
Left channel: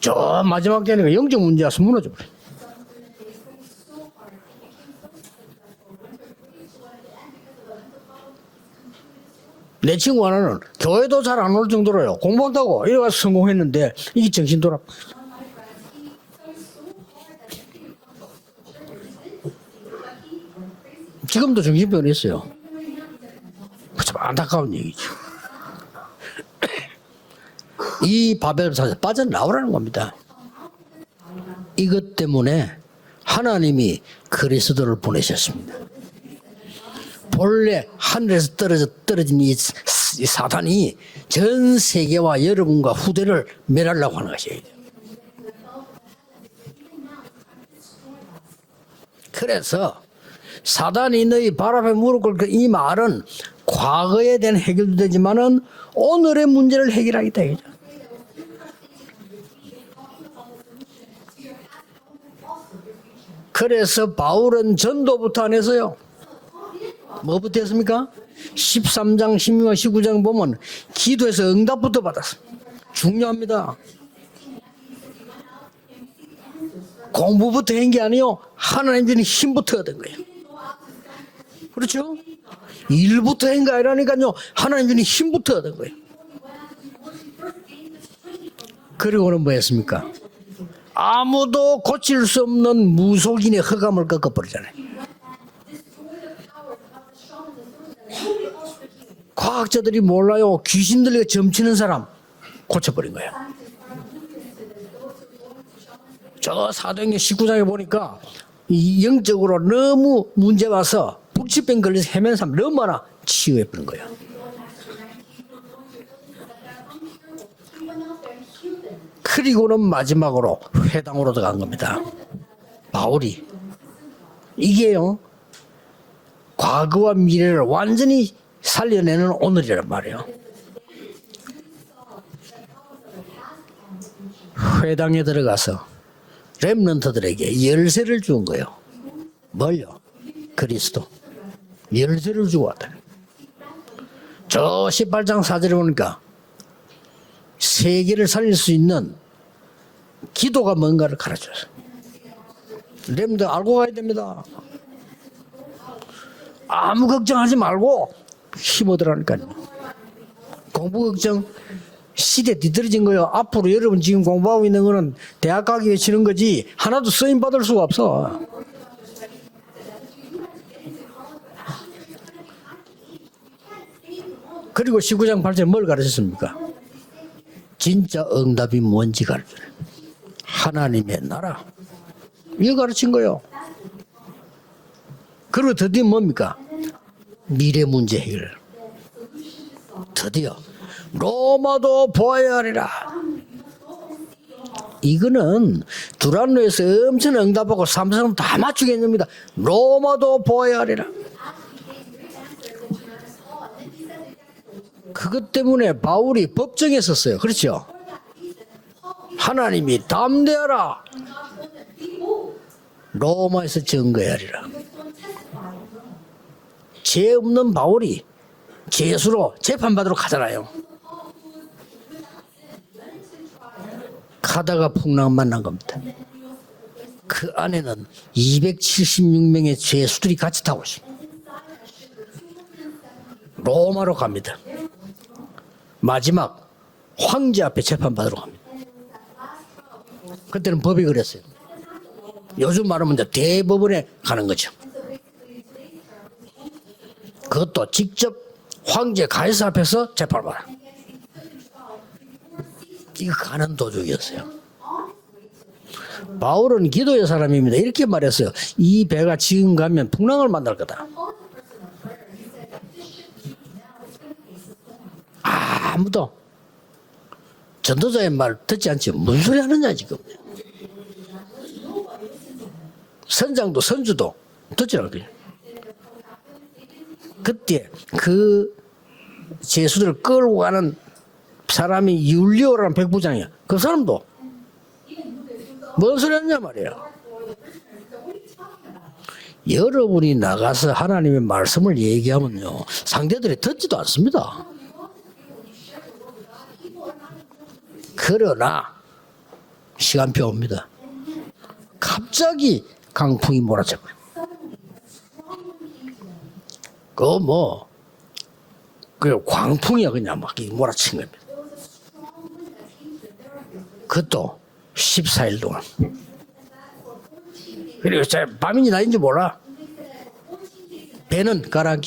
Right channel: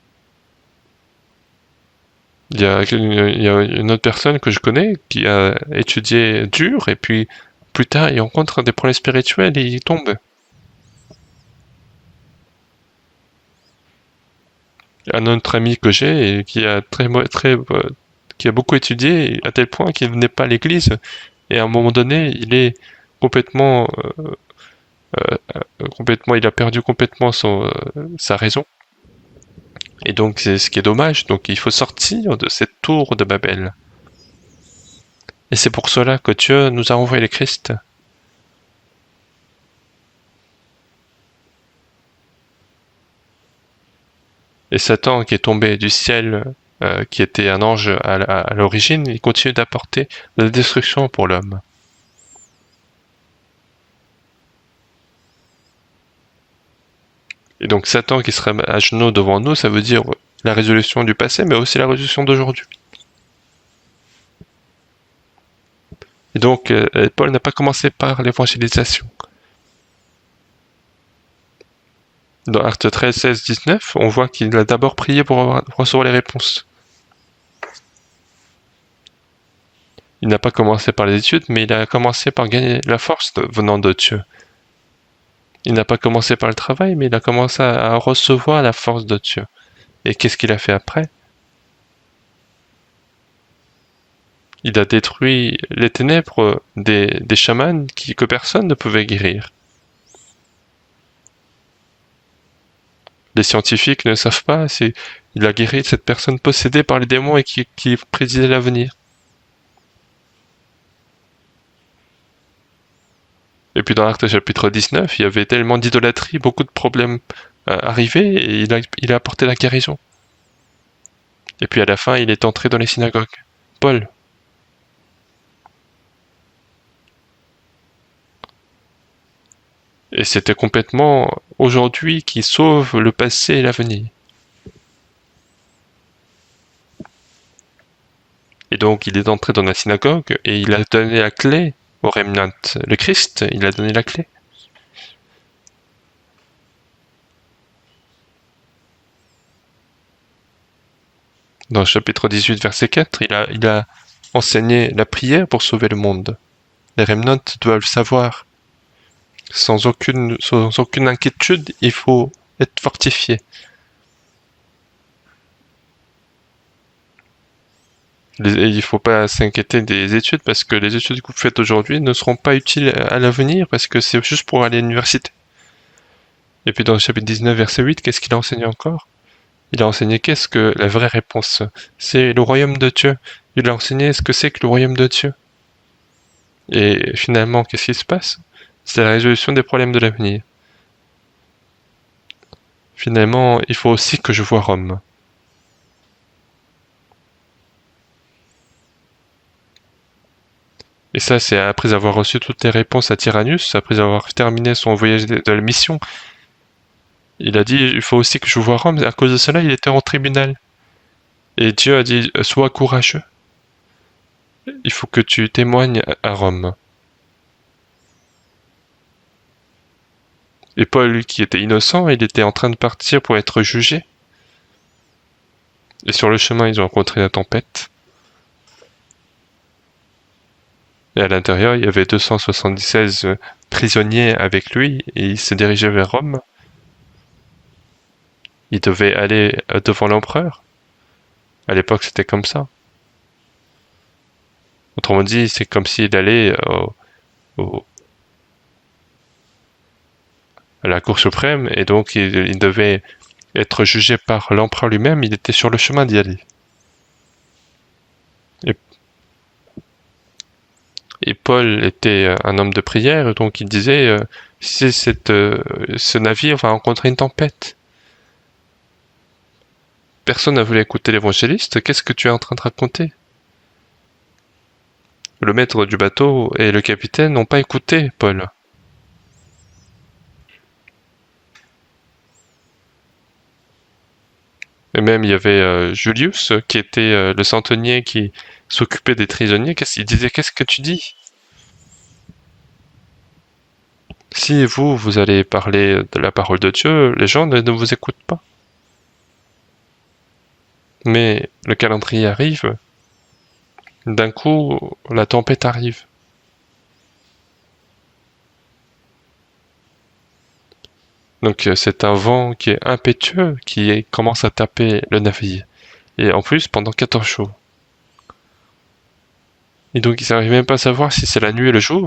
저 마지막 때는 영적 문제 와서 무너져. Il y a une autre personne que je connais qui a étudié dur et puis plus tard il rencontre des problèmes spirituels et il 내 tombe. 친구 하나는 교회도 잘 안 올 정도로요. 공부한다고 이래 가서 성공했는데 이게 정신 돌아. Un autre ami que j'ai et qui a qui a beaucoup étudié à tel point qu'il venait pas à l'église et à un moment donné il est complètement 안타까운 얘기죠. il a perdu complètement sa raison. 바벨탑에서 빠져나오라는 겁니다. Et donc c'est ce qui est dommage. Donc il faut sortir de cette tour de Babel. 하나님이 그리스도를 Et 보내셨습니다. c'est pour cela que Dieu nous a envoyé le Christ. 원래 하늘에서 떨어진 이 사탄이 전 세계와 여러분과 후대를 멸하려고 하는 것이에요. Et Satan qui est tombé du ciel, qui était un ange à l'origine, il continue d'apporter la destruction pour 사단이 l'homme. 발 앞에 무릎 꿇고 이 말은 과거에 대한 해결도 되지만은 오늘의 문제를 해결하겠다. Et donc Satan qui serait à genoux devant nous, ça veut dire la résolution du passé, mais aussi la résolution d'aujourd'hui. 그래서 바울은 전도부터 안 했어요. Et donc Paul n'a pas commencé par l'évangélisation. 13장, 16장, 19장 보면 기도해서 응답부터 받았어. Dans Actes 13, 16, 19, on voit qu'il a d'abord prié pour recevoir les réponses. 공부부터 한 게 아니요. 하나님 주는 힘부터 얻은 거예요. Il n'a pas commencé par les études, mais il a commencé par gagner la force 일부터 한 게 venant de Dieu. 아니라니까요. 하나님 주는 힘부터 얻은 Il n'a 거예요. pas commencé par le travail, mais il a commencé à recevoir la force de 그리고는 Dieu. 뭐 했습니까? Et qu'est-ce qu'il a fait après? 아무도 고칠 수 없는 무속인의 허감을 꺾어버리잖아요. Il a détruit les ténèbres des chamans que personne ne pouvait guérir. 과학자들이 몰라요. 귀신 들려 점치는 사람 고쳐버린 거예요. Les scientifiques ne savent pas, il a guéri cette personne possédée par les démons et qui prédisait l'avenir. 이 영적으로 너무 문제 와서 불치병 걸려서 헤맨 사람 너무 많아. 치유해. Et puis dans l'acte chapitre 19, il y avait tellement d'idolâtrie, beaucoup de problèmes arrivés, et il a apporté la 그리고는 guérison. 마지막으로 회당으로 들어간 Et puis à la 겁니다. fin, il est entré dans les synagogues. Paul, 이게요. 과거와 미래를 완전히 살려내는 오늘이란 말이에요. et c'était complètement aujourd'hui qui sauve le passé et l'avenir. 회당에 들어가서 렘넌트들에게 열쇠를 준 거예요. Et donc il est entré dans la synagogue et il a donné la clé au remnant. Le Christ, il a donné la clé. 저 18장 4절에 보니까 세계를 살릴 수 있는 기도가 뭔가를 가르쳐줬어요. Dans le chapitre 18, verset 4, il a 알아야 됩니다. enseigné la prière pour sauver le monde. Les 아무 remnants 걱정하지 doivent le 말고 savoir. 힘 얻으라니까요. Sans aucune inquiétude, il faut 시대 être 뒤떨어진 거예요. fortifié. 앞으로 여러분 지금 공부하고 있는 거는 대학 가기 위해 치는 거지 하나도 쓰임 받을 수가 없어. Et il ne faut pas s'inquiéter des études parce que les études que vous faites aujourd'hui ne seront pas utiles à l'avenir parce que c'est juste pour aller à 그리고 l'université. 19장 8절에 뭘 가르쳤습니까? Et puis dans le chapitre 19, verset 8, qu'est-ce 진짜 qu'il a enseigné 응답이 encore? 뭔지 가르쳐요. Il a enseigné qu'est-ce que la vraie réponse. C'est le royaume de Dieu. Il a enseigné ce que c'est que le royaume de Dieu. 그리고 드디어 뭡니까? Et finalement, qu'est-ce 미래 qui se 문제 passe? 해결. C'est la résolution des problèmes de l'avenir. 드디어 로마도 보아야 하리라. Finalement, il faut aussi que je vois Rome. 이거는 두란노에서 엄청 응답하고 삼성은 다 맞추겠습니다. 로마도 보아야 하리라. Et ça, c'est après avoir reçu toutes les réponses à Tyrannus, après avoir terminé son voyage de la 때문에 mission. 바울이 법정에 섰어요. Il a 그렇죠? dit, il faut aussi que je vois Rome. À cause de cela, il était en 하나님이 tribunal. 담대하라. Et Dieu a dit, sois courageux. 로마에서 증거하리라. Il faut que tu témoignes à Rome. 죄 없는 바울이 죄수로 재판받으러 가잖아요. Et Paul, qui était innocent, il était en train de partir pour être jugé. 가다가 풍랑 만난 겁니다. Et sur le chemin, ils ont rencontré la 그 tempête. 안에는 276명의 죄수들이 같이 타고 있습니다. Et à l'intérieur, il y avait 276 prisonniers avec lui. Et il se dirigeait vers Rome. 마지막 황제 앞에 재판받으러 갑니다. Il devait aller devant l'empereur. 그때는 법이 그랬어요. À l'époque, c'était comme ça. 요즘 말하면 이제 대법원에 가는 거죠. Autrement dit, c'est comme s'il allait 그것도 직접 황제 가이사 앞에서 재판받아. à la Cour suprême. Et donc, il devait 이거 가는 être jugé par l'empereur lui-même. Il était sur le chemin d'y aller. 바울은 기도의 사람입니다. 이렇게 말했어요. 이 배가 지금 가면 풍랑을 만날 거다. Et Paul était un homme de prière. Donc, il disait, si ce navire va rencontrer une tempête. 전도자의 말 듣지 않지. 무슨 소리 하느냐 지금. Personne n'a voulu écouter l'évangéliste. Qu'est-ce que tu es en train de raconter? 선장도 선주도 듣지 않거든요. Le maître du bateau et le capitaine n'ont pas écouté Paul. 그 죄수들을 끌고 가는 사람이 율리오라는 백부장이야. 그 사람도 Et même, il y avait Julius, qui était le centenier qui s'occupait des prisonniers. Qu'est-ce qu'il disait? 여러분이 Qu'est-ce que tu 나가서 dis? 하나님의 말씀을 얘기하면요. 상대들이 듣지도 않습니다. Si vous allez parler de la parole de Dieu, les gens ne vous écoutent pas. 그러나 시간표 옵니다. Mais le calendrier arrive. 갑자기 강풍이 몰아쳐. D'un coup, la tempête arrive. 그 광풍이야 그냥 막 몰아친 겁니다. Donc c'est un vent qui est impétueux, commence à taper le 14일 navire. 동안. Et en plus, pendant 14 jours. 그리고 밤인지 낮인지 몰라. Et donc, ils n'arrivent même pas à savoir si c'est la nuit ou le jour.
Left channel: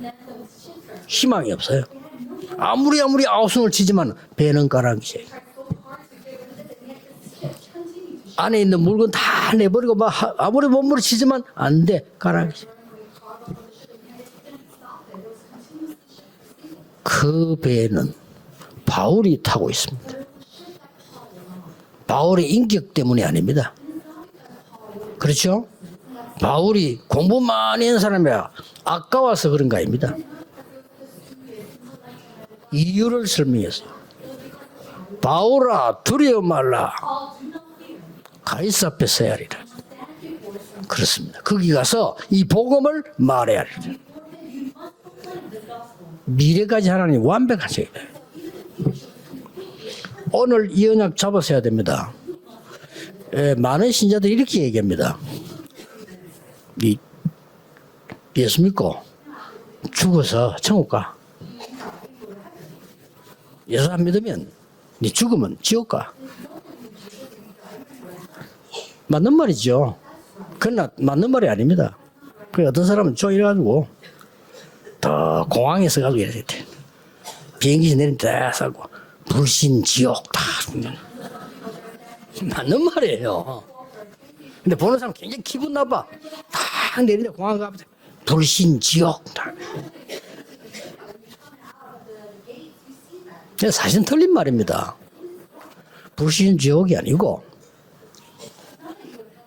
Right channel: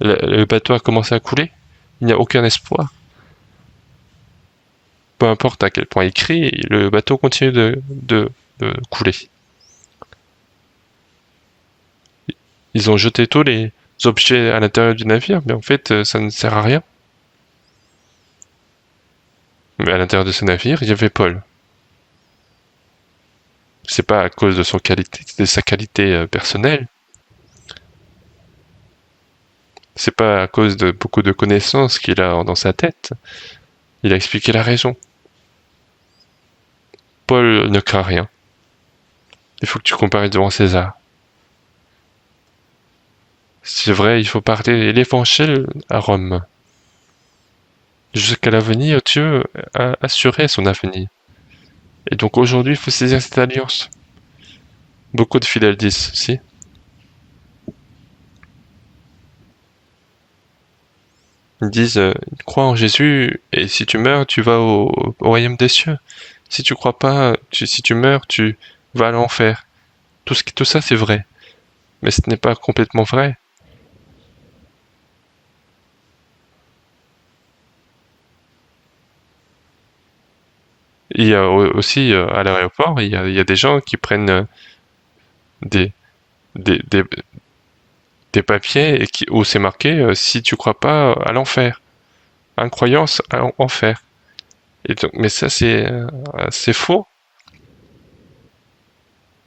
Le bateau a commencé à couler. 희망이 없어요. Il n'y a aucun espoir. 아무리 아우성을 치지만 배는 가라앉지. Peu importe à quel point il crie, le bateau continue de 안에 있는 물도 couler. 다 내버리고 막 아무리 몸으로 치지만 안 돼. 가라앉지. Ils ont jeté tous les objets à l'intérieur du navire, mais en fait, ça ne sert à rien. 그 배는 바울이 타고 Mais 있어요. à l'intérieur de ce navire, il y avait Paul. 바울의 인격 때문이 아닙니다. C'est pas à cause de sa qualité 그렇죠? personnelle. 바울이 공부 많이 한 사람이야. 아까워서 그런 거 아닙니다. C'est pas à cause de beaucoup de connaissances qu'il a dans sa tête. 이유를 설명했어요. Il a expliqué la raison. 바울아 두려워 말라. Paul ne craint rien. 가이사 앞에 서야 하리라. Il faut que tu compares devant César. 그렇습니다. 거기 가서 이 복음을 말해야 하리라. C'est vrai, il faut parler l'évangile à Rome. 미래까지 하나님 완벽하셔야 돼요. Jusqu'à l'avenir, Dieu a assuré son 오늘 이 avenir. 언약 잡으셔야 됩니다. Et donc aujourd'hui, il faut saisir cette alliance. 많은 신자들이 이렇게 얘기합니다. Beaucoup de fidèles disent aussi. 이 예수 믿고 죽어서 천국 가. Ils disent, crois en Jésus et si tu meurs, tu vas au royaume des cieux. Si tu crois pas, si tu meurs, tu vas à 맞는 l'enfer. 말이죠. Tout ça, c'est vrai. 맞는 말이 아닙니다. Mais ce n'est pas 어떤 complètement 사람은 vrai. 이래가지고 더 공항에서 가지고 이래야 돼. 비행기 내리면 다 사고 불신 지옥 다. Il y a aussi à l'aéroport, il y a des gens qui prennent 근데 보는 사람 굉장히 기분 des- 나빠. des- 근데 공항 가면 des 불신 papiers 지옥. où c'est marqué si tu crois pas à l'enfer. Incroyance à enfer. 사실 틀린 말입니다. Et donc, mais ça, c'est 불신 c'est 지옥이 faux. 아니고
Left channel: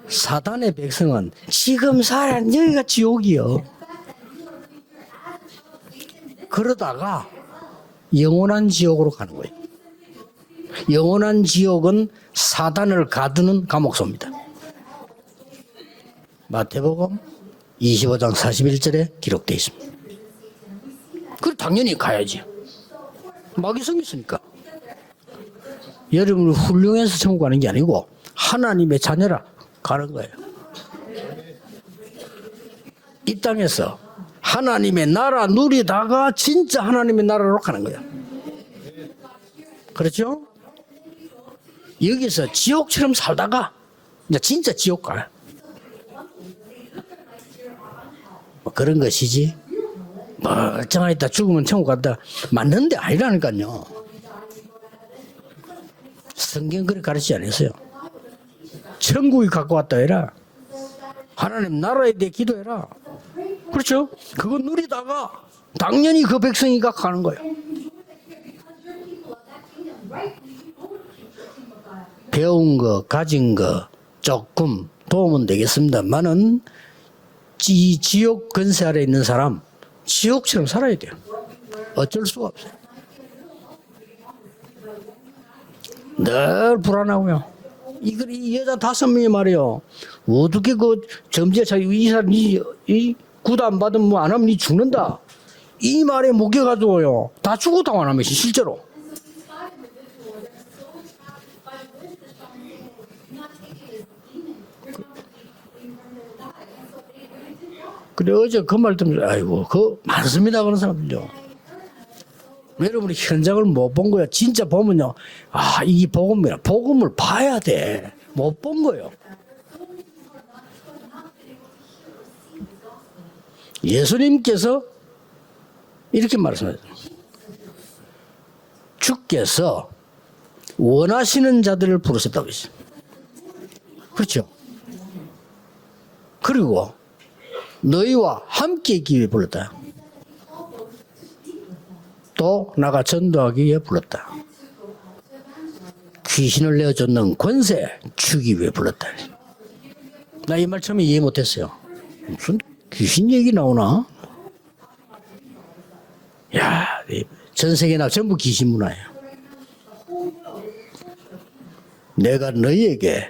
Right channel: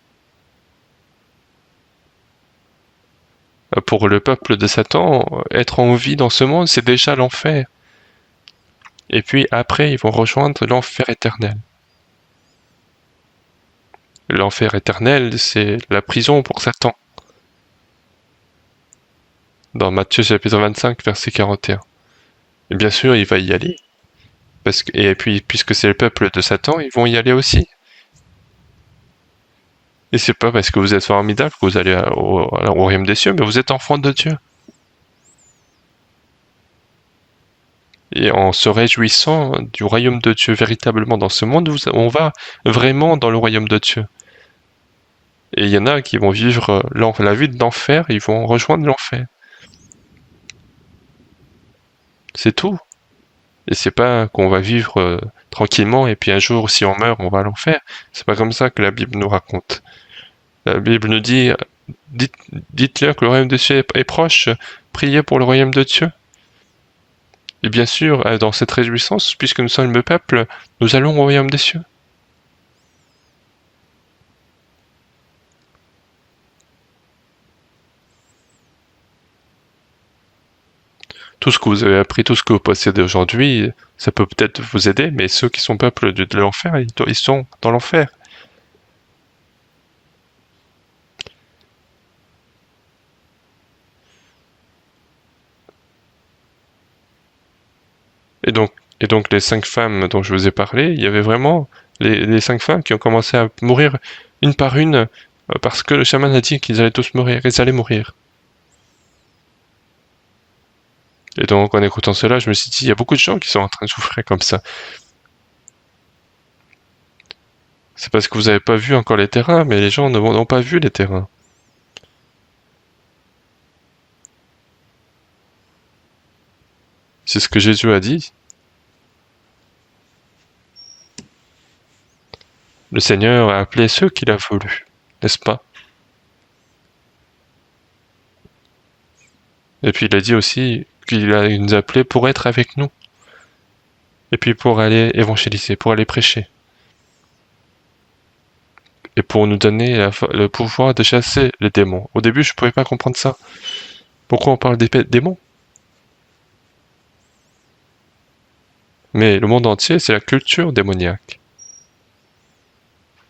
사단의 백성은 지금 살아는 여기가 지옥이요. Pour le peuple de Satan, être en vie dans ce monde, c'est déjà l'enfer. 영원한 지옥으로 Et 가. puis après, ils vont rejoindre l'enfer 영원한 éternel. 지옥은 사단을 가두는 감옥소입니다. L'enfer éternel, c'est la prison pour Satan. 마태복음 25장 41절에 기록되어 있습니다. Dans Matthieu chapitre 25, verset 41. 당연히 가야지. Et bien sûr, il va y aller. 거기 생겼으니까. Et puis, puisque c'est le peuple de 여러분 Satan, ils vont y aller 훌륭해서 aussi. 가는 게 아니고 하나님의 자녀라 가는 Et 거예요. c'est pas parce que vous êtes formidable que vous allez au royaume des cieux, mais vous êtes enfant de Dieu. 하나님의 나라 누리다가 진짜 하나님의 나라로 가는 거예요. Et en se réjouissant du royaume de Dieu véritablement dans ce monde, on va vraiment dans le royaume de Dieu. 이제 진짜 지옥 가요. Et il y en a qui vont vivre la vie de l'enfer, ils vont rejoindre 그런 l'enfer. 것이지. 멀쩡하게 있다 죽으면 천국 간다. C'est tout. 맞는데 아니라니까요. Et c'est pas qu'on va vivre tranquillement et puis un jour, si on meurt, on va à l'enfer. C'est pas comme ça que la Bible nous 천국이 raconte. 갖고 왔다 해라. La Bible nous dit, 하나님 나라에 대해 기도해라. dites-leur que le royaume de Dieu est proche, priez pour le royaume de Dieu. 당연히 그 백성이 가는 거예요. Et bien sûr, dans cette réjouissance, puisque nous sommes le peuple, nous allons au royaume des cieux. 배운 거, 가진 거 조금 도움은 되겠습니다만은 지옥 근세 아래 있는 사람 지옥처럼 살아야 돼요. Tout ce que vous avez appris, tout ce que vous possédez aujourd'hui, ça peut peut-être vous aider, mais ceux qui sont peuple de l'enfer, ils sont dans l'enfer. 이 여자 5명이 말이요. 어떻게 그 점지에 자기 이 사람 이 구도 안 받으면 뭐 안 하면 니 죽는다. 이 말에 묶여가지고요. 다 죽어도 안 하면 실제로. Et donc les 5 femmes dont je vous ai parlé, il y avait vraiment les 5 femmes qui ont commencé à mourir une par une parce que le chaman a dit qu'ils allaient tous mourir, ils allaient mourir. 그래 어제 그 말 때문에 아이고 그 많습니다 그런 사람들요. Et donc en écoutant cela, je me suis dit, il y a beaucoup de gens qui sont en train de souffrir comme ça. 진짜 보면요. 아 이게 복음이야. 복음을 봐야 돼. C'est parce que vous n'avez pas vu encore les terrains, mais les gens n'ont pas vu les terrains. 예수님께서 이렇게 말씀하셨어요. C'est ce que Jésus a dit. 주께서 원하시는 자들을 부르셨다고 했어요. Le Seigneur a appelé ceux qu'il a voulu, n'est-ce pas? 그리고 너희와 함께 있기 위해 불렀다. Et puis il a dit aussi qu'il nous a appelés pour être 또 avec nous. 나가 전도하기 위해 불렀다. Et puis pour aller évangéliser, pour aller prêcher. 귀신을 내어줬는 권세 주기 위해 불렀다. Et pour nous donner le pouvoir de chasser les démons. Au début, je ne pouvais pas comprendre ça. 귀신 얘기 나오나? Pourquoi on parle des démons? 야, 전 세계나 전부 귀신 문화예요. Mais le monde entier, c'est la culture démoniaque. 내가 너희에게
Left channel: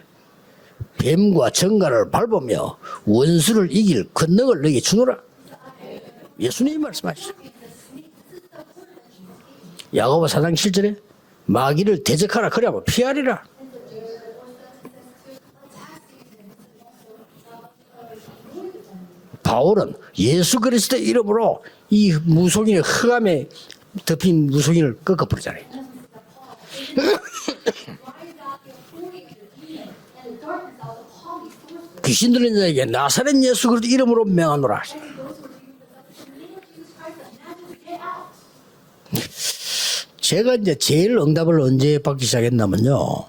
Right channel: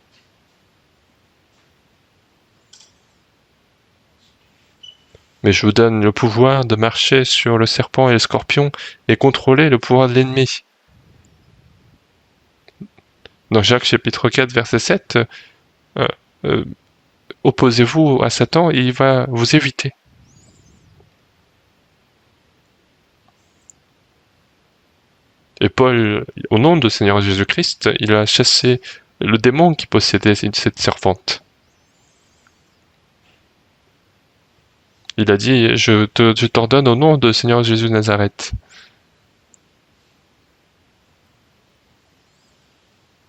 뱀과 정갈을 밟으며 원수를 이길 권능을 너희에게 주노라. Mais je vous donne le pouvoir de marcher sur le serpent et le scorpion et contrôler le pouvoir de 야고보 4장 l'ennemi. 7절에 마귀를 대적하라 그래야만 피하리라. Dans Jacques chapitre 4, verset 7, opposez-vous à Satan et il va vous éviter. 바울은 예수 그리스도의 이름으로 이 무속인의 흑암에 덮인 무속인을 꺾어버리잖아요. Et Paul, au nom de Seigneur Jésus-Christ, il a chassé le démon qui possédait cette serpente. 귀신 들린 자에게 나사렛 예수 그리스도 이름으로 명하노라. Il a dit, je t'ordonne au nom de Seigneur Jésus de Nazareth. 제가 이제 제일 응답을 언제 받기 시작했냐면요.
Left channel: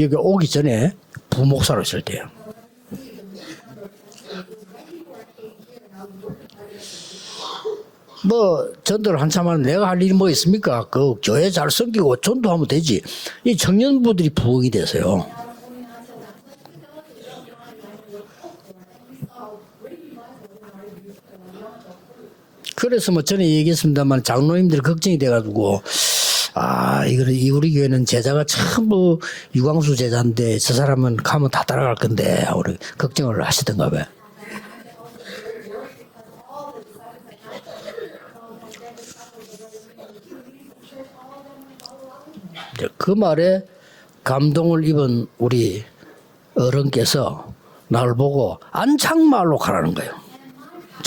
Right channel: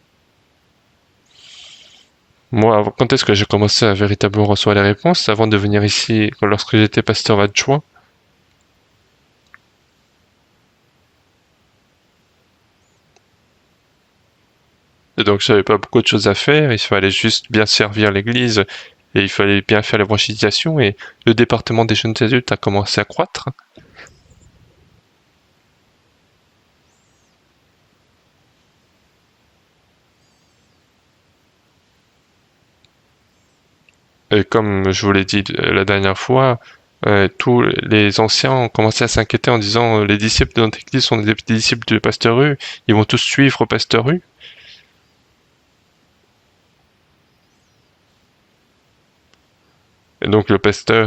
여기 오기 전에 부목사로 있을 때요. Moi, quand est-ce que j'ai commencé à véritablement recevoir les réponses? Avant de venir ici, lorsque j'étais pasteur adjoint. 뭐 전도를 한참 하면 내가 할 일이 뭐 있습니까? 그 교회 잘 섬기고 전도하면 되지. 이 청년부들이 부흥이 돼서요. Et donc, j'avais pas beaucoup de choses à faire. Il fallait juste bien servir l'église et il fallait bien faire l'évangélisation et le département des jeunes adultes a commencé à 그래서 뭐 croître. 전에 얘기했습니다만 장로님들이 걱정이 돼가지고 이거 우리 교회는 제자가 전부 유광수 제자인데 저 사람은 가면 다 따라갈 건데 우리 걱정을 하시던가 봐요. Et comme je vous l'ai dit la dernière fois, tous les anciens ont commencé à s'inquiéter en disant les disciples de notre église sont des disciples du pasteur Hu, ils vont tous suivre pasteur Hu. 감동을 입은 우리 어른께서 나를 보고 안창마을로 가라는 거예요. Et donc le pasteur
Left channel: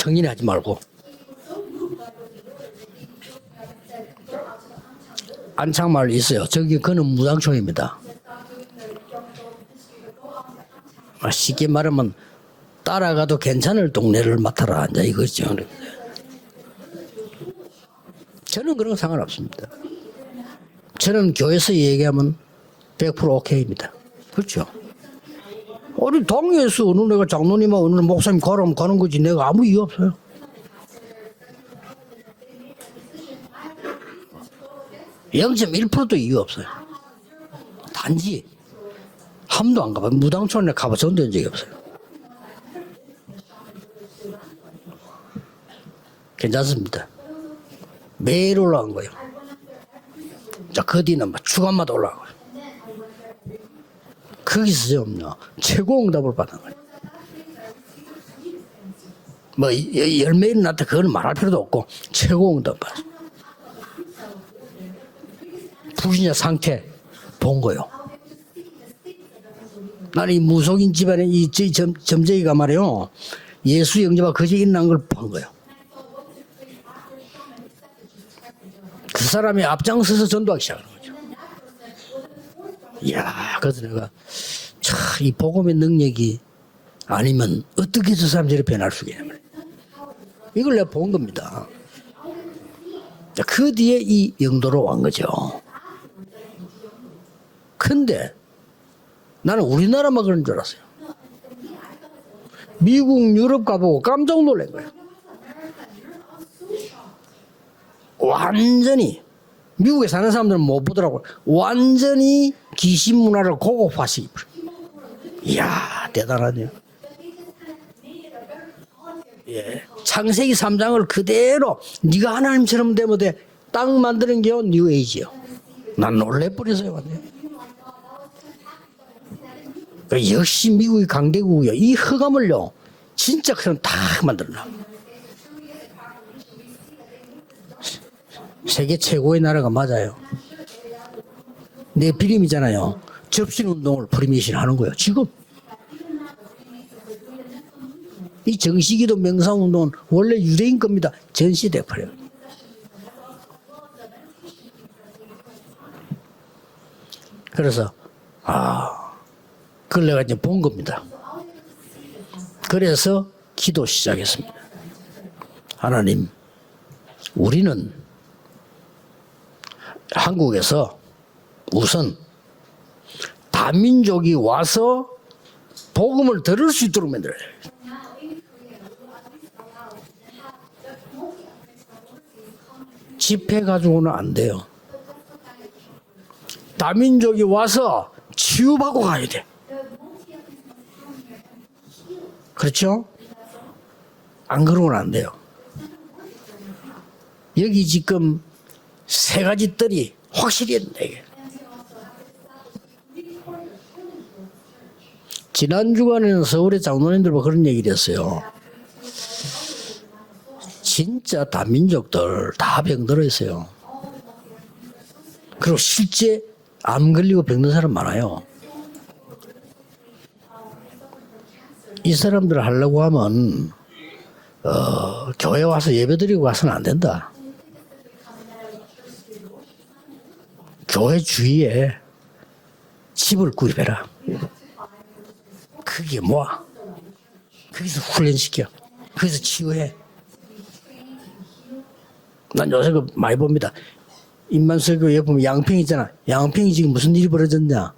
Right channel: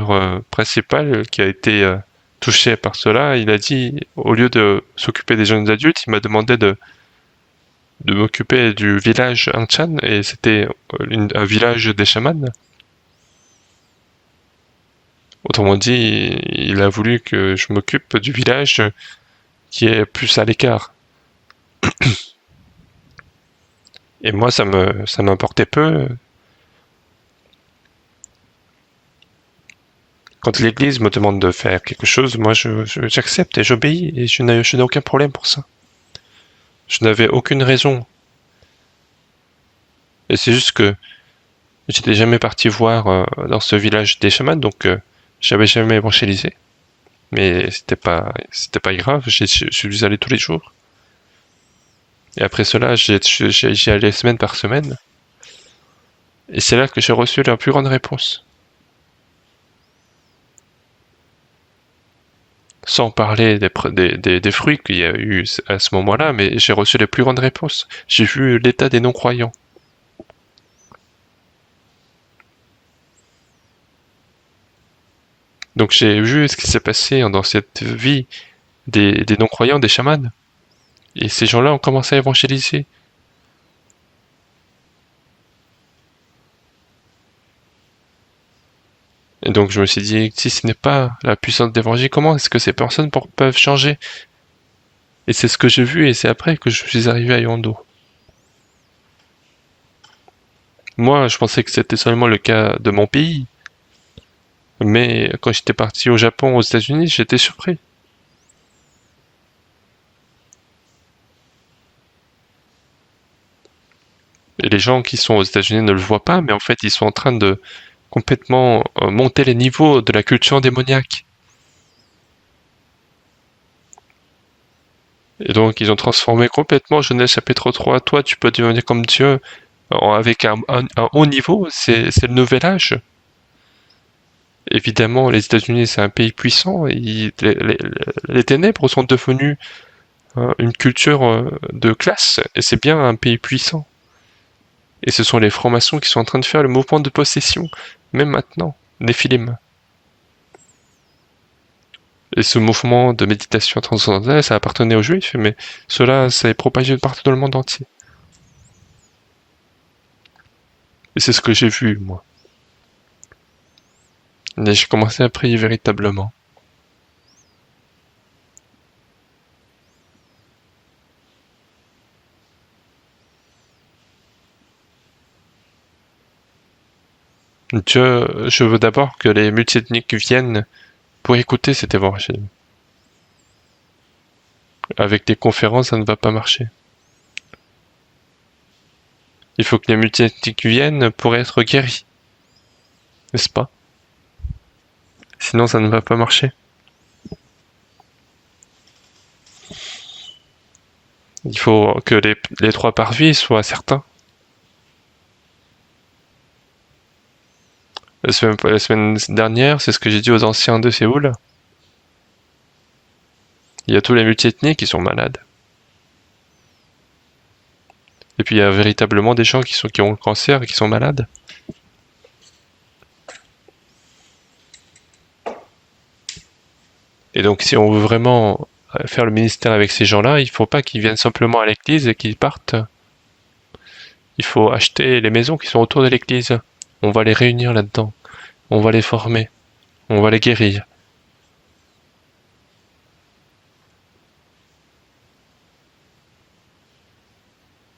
principal qui a été touché par cela, il a dit, au lieu de s'occuper des jeunes adultes, il m'a demandé 그는 무당촌입니다. de m'occuper du village Anchan, et c'était un village des chamans. 따라가도 괜찮을 동네를 맡아라 이제 이거죠. Autrement dit, il a voulu que je m'occupe du village 저는 상관없습니다. qui est plus à l'écart. 저는 교회에서 얘기하면 100% 오케이입니다. Et moi, ça m'importait peu. 우리 당회에서 어느 내가 장로님하고 어느 목사님 가라면 가는 거지 내가 아무 이유 없어요. Quand l'église me demande de faire quelque chose, moi j'accepte et j'obéis et je n'ai aucun problème pour ça. 0.1%도 이유 없어요. Je n'avais aucune raison. 단지 함도 안 가봐. 무당촌에 가봐서 온 적이 없어요. J'étais jamais parti voir dans ce village des chamans, donc j'avais jamais évangélisé. 괜찮습니다. Mais c'était pas grave, j'y suis allé tous les jours. 자, 그 뒤는 막 주간마다 올라가고. Et après cela, j'y allais semaine par semaine. 최고 응답을 받아. Et c'est là que j'ai reçu la plus grande réponse. 뭐 열매인한테 그걸 말할 필요도 없고 최고 응답. Sans parler des fruits qu'il y a eu à ce moment-là, mais j'ai reçu les plus grandes réponses. J'ai vu l'état des non-croyants. 나는 이 무속인 집안에 이 점쟁이가 말이요. 예수 영접과 거짓 일어난 걸 본 거예요. Donc j'ai vu ce qui s'est passé dans cette vie des non-croyants, des chamans. Et ces gens-là ont commencé à évangéliser. 이야, 그래서 내가 이 복음의 능력이 아니면 어떻게 저 사람들이 변할 수 있겠냐면. Et donc je me suis dit, si ce n'est pas la puissance d'évangile, comment est-ce que ces personnes peuvent changer? Et c'est ce que j'ai vu et c'est après que je suis arrivé à Yondo. 근데 나는 우리나라만 그런 줄 알았어요. Moi, je pensais que c'était seulement le cas de mon pays. 유럽 가보고 깜짝 놀란 거예요. Mais quand j'étais parti au Japon, aux États-Unis, j'étais surpris. 완전히 미국에 사는 사람들은 못 보더라고요. 완전히 귀신 문화를 고급화시. Et les gens qui sont aux États-Unis ne le voient pas, mais en fait, ils sont en train de complètement monter les niveaux de la culture démoniaque. 그대로 네가 하나님처럼 되면 돼. 딱 만드는 게 뉴 에이지요. Et donc, ils ont transformé complètement Genèse chapitre 3. Toi, tu peux devenir comme Dieu avec un haut niveau. C'est le nouvel âge. 진짜 그럼 딱 만들어놔. Évidemment, les États-Unis, c'est un pays puissant. Et les ténèbres sont devenues une culture de classe. Et c'est bien un pays puissant. Et ce sont les francs-maçons qui sont en train de faire le mouvement de possession. Même maintenant, les Philippins. Et ce mouvement de méditation transcendantale, ça appartenait aux Juifs, mais cela s'est propagé partout dans le monde entier. Et c'est ce que j'ai vu, moi. Et j'ai commencé à prier véritablement. 우리는 한국에서 우선 다민족이 와서 복음을 들을 수 있도록 만들어야 돼. Je veux d'abord que les multiethniques viennent pour écouter cet évangile. 집회 가지고는 안 돼요. Avec des conférences, ça ne va pas marcher. 다민족이 와서 치유받고 가야 돼. Il faut que les multiethniques viennent pour être guéris. 그렇죠? N'est-ce pas? 안 그러고는 안 돼요. Sinon, ça ne va pas marcher. 여기 지금 세 가지 뜰이 확실히 했네. 이게. Il faut que les trois parvis soient certains. 지난 주간에는 서울의 장로님들과 그런 얘기를 했어요. La semaine dernière, c'est ce que j'ai dit aux anciens de Séoul. 진짜 다민족들 다 병들어 있어요. Il y a tous les multiethniques qui sont malades. 그리고 실제 암 걸리고 병든 사람 많아요. Et puis il y a véritablement des gens qui ont le cancer et qui sont malades. 이 사람들 하려고 하면 교회 와서 예배드리고 가서는 안 된다. Et donc si on veut vraiment faire le ministère avec ces gens-là, il ne faut pas qu'ils viennent simplement à l'église et qu'ils partent. 집을 구입해라. Il faut acheter les maisons qui sont autour de l'église. On va les réunir là-dedans. On va les former. On va les guérir. 난 요새 그 많이 봅니다. 인만설교에 보면 양평 있잖아. 양평이 지금 무슨 일이 벌어졌냐?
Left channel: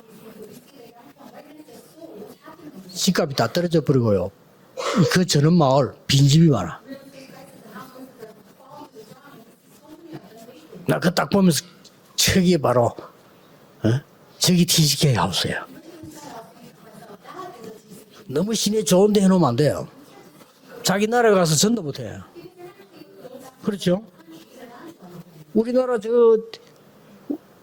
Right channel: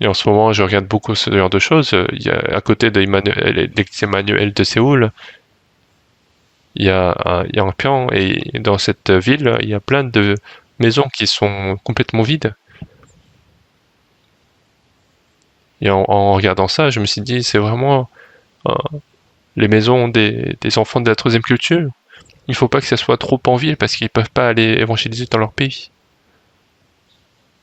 Et en ce moment, je regarde beaucoup ce genre de choses. Il y a à côté de l'église Emmanuel de Séoul, 그 저런 마을 빈집이 많아. il y a un Yangpyeong et dans cette ville, il y a plein de maisons qui sont complètement vides. 바로 저기 뒤집게 하우스야. Et en regardant ça, je me suis dit, c'est vraiment 너무 시계 좋은데 해놓으면 안 les 돼. maisons des enfants de la troisième culture. Il faut pas que ça soit trop en ville parce qu'ils peuvent pas aller évangéliser dans leur pays. 우리나라 저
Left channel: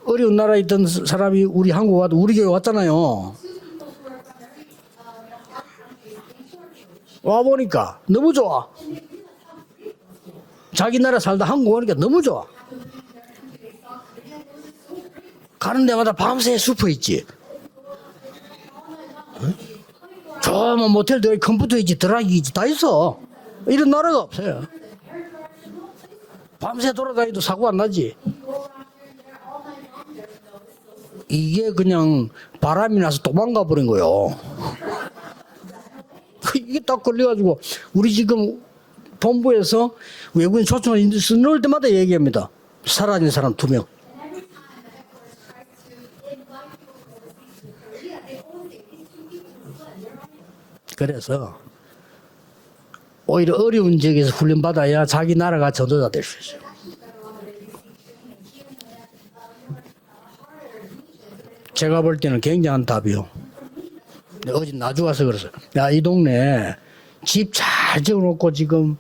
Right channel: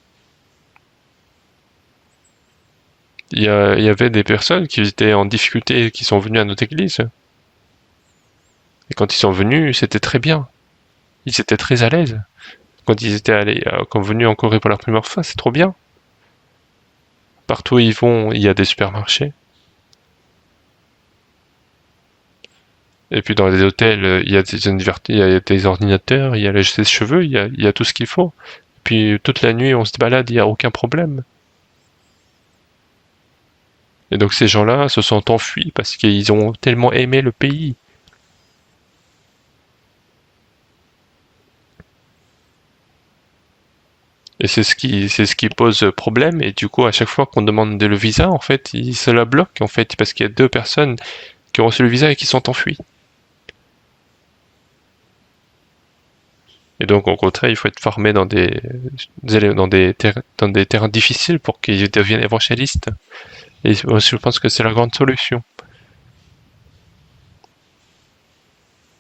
어려운 나라에 있던 사람이 우리 한국 와도 우리 교회 왔잖아요. Il y avait des personnes qui étaient en difficulté et qui sont venues à notre église. 와 보니까 너무 좋아. Et quand ils sont venus, c'était très bien. 자기 나라 살다 C'était 한국 très à 오니까 l'aise. 너무 좋아. Quand ils étaient allés, quand venus en Corée pour la première fois, c'est trop bien. 가는 데마다 밤새 슈퍼 있지. Partout où ils vont, il y a des supermarchés. 저 모텔들 컴퓨터 있지, 드라이기 있지, 다 있어. Et puis dans les hôtels, il y a il y a des ordinateurs, il y a les cheveux, il y a tout ce qu'il faut. Puis toute la nuit, on se balade, il n'y a aucun problème. 이게 그냥 바람이 나서 도망가 버린 거요. Et donc ces gens-là se sont enfuis parce qu'ils ont tellement aimé le pays. 우리 지금 본부에서 외국인 초청을 넣을 때마다 얘기합니다. 사라진 사람 2명. Et c'est ce qui pose problème. Et du coup, à chaque fois qu'on demande le visa, en fait, ils se la bloquent, en fait, parce qu'il y a 2 personnes 그래서 qui ont reçu le visa et qui sont enfuies. 오히려 어려운 지역에서 훈련 받아야 자기 나라가 전도자 될 수 있어요. Et donc, au contraire, il faut être formé dans des terrains difficiles pour qu'ils 제가 볼 deviennent 때는 굉장한 évangélistes. 답이요. Et je pense que c'est la grande solution. 야, 이 동네 집 잘 지어놓고 지금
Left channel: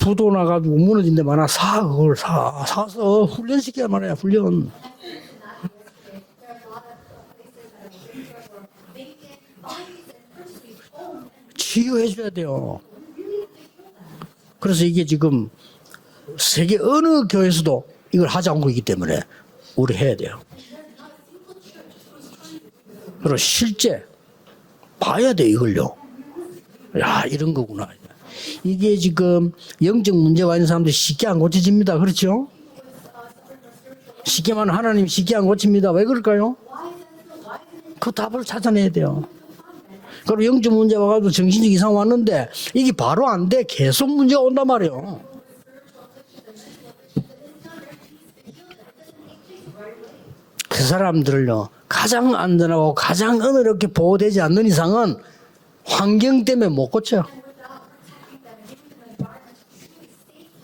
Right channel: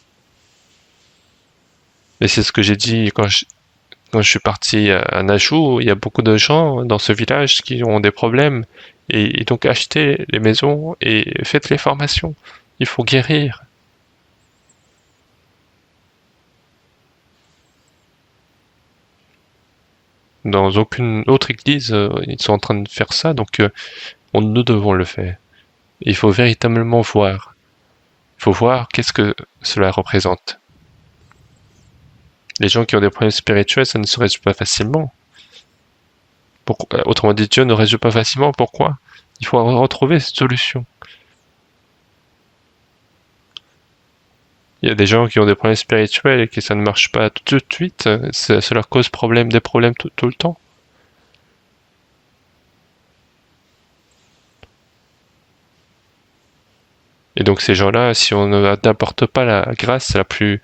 부도 나가지고 무너진 데 많아. 사 그걸 사. Et c'est ce que j'ai dit quand je suis parti à Najou. Il y a beaucoup de gens dans ce village qui ont des problèmes. Et donc, achetez les maisons et faites les formations. Il faut guérir. 그래서 이게 지금 세계 어느 교회에서도 이걸 하지 않고 있기 때문에 우리 해야 돼요. Dans aucune autre église, ils sont en train de faire ça. Donc, 실제 nous devons le 봐야 faire. 돼 이걸요. Il faut véritablement 야, voir. 이런 거구나. Il faut voir 이게 qu'est-ce que 지금 cela 영적 représente. 문제가 있는 사람들 쉽게 안 고쳐집니다. 그렇죠? Les gens qui ont des problèmes spirituels, ça ne se résout pas 쉽게만 facilement. 하나님 쉽게 안 고칩니다. 왜 그럴까요? Autrement dit, Dieu ne résout pas facilement. 찾아내야 Pourquoi? 돼요. Il faut retrouver cette 그럼 영적 solution. 문제 와가지고 정신적 이상 왔는데 이게 바로 안 돼. 계속 문제가 온단 Il y a 말이에요. des gens qui ont des problèmes spirituels et que ça ne marche pas tout de suite. Ça leur cause des problèmes tout le temps. 그 사람들을요 가장 안전하고 가장 은혜롭게 보호되지 않는 이상은 환경 때문에 못 고쳐. Et donc ces gens-là, si on n'apporte pas la grâce la plus...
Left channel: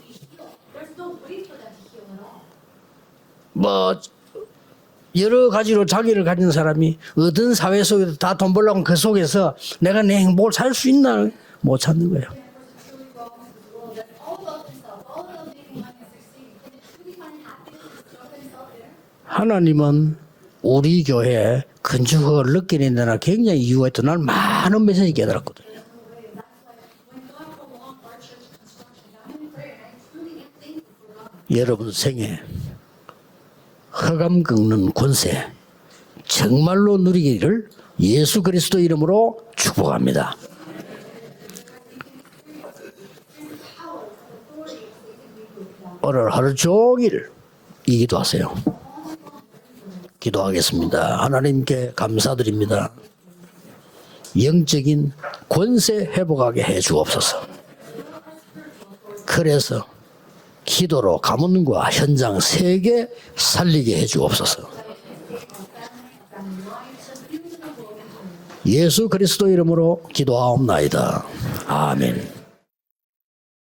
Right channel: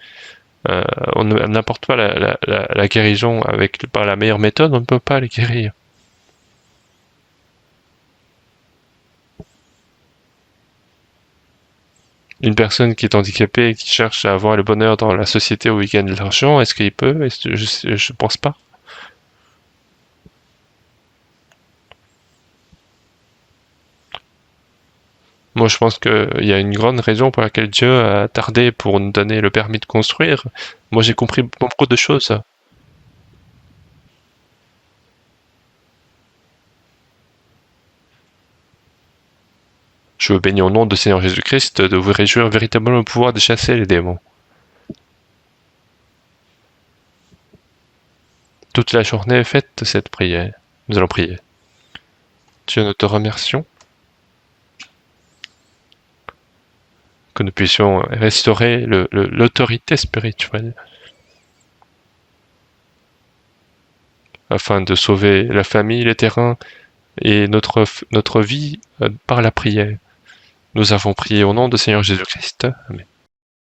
on n'apporte pas la guérison par la meilleure méthode, on ne peut pas le 여러 guérir. 가지로 자기를 가진 사람이 어떤 사회 속에서 다 돈 벌려고 그 속에서 내가 내 행복을 살 수 있나 못 찾는 거예요. Une personne qui est handicapée et qui cherche à avoir le bonheur dans la société où il gagne de l'argent, est-ce qu'il peut? Je pense pas. 하나님은 우리 교회에 건축허가를 늦게 낸다나 굉장히 이유가 있다. 난 많은 메시지 깨달았고. Moi, je pense qu'il y a une grande raison pour laquelle Dieu a tardé pour nous donner le permis de construire. Moi, j'ai compris beaucoup de choses. 흑암 꺾는 권세 정말로 누리기를 예수 그리스도 이름으로 축복합니다. Je vous bénis au nom du Seigneur Jésus-Christ de vous réjouir véritablement le pouvoir de chasser les démons. 오늘 하루 종일 이 기도하세요. Toute la journée, faites cette prière. Nous 기도하겠습니다. allons prier. 하나님께 감사드립니다. Dieu, nous te remercions 영적인 권세 회복하게 해 주옵소서. que nous puissions restaurer l'autorité spirituelle 기도로 가문과 현장 세계 살리게 해 주옵소서. afin de sauver la famille, les terrains et notre vie 예수 par 그리스도 la prière. 이름으로 Nous avons 기도하옵나이다. prié au nom du Seigneur 아멘. Jésus-Christ. Amen.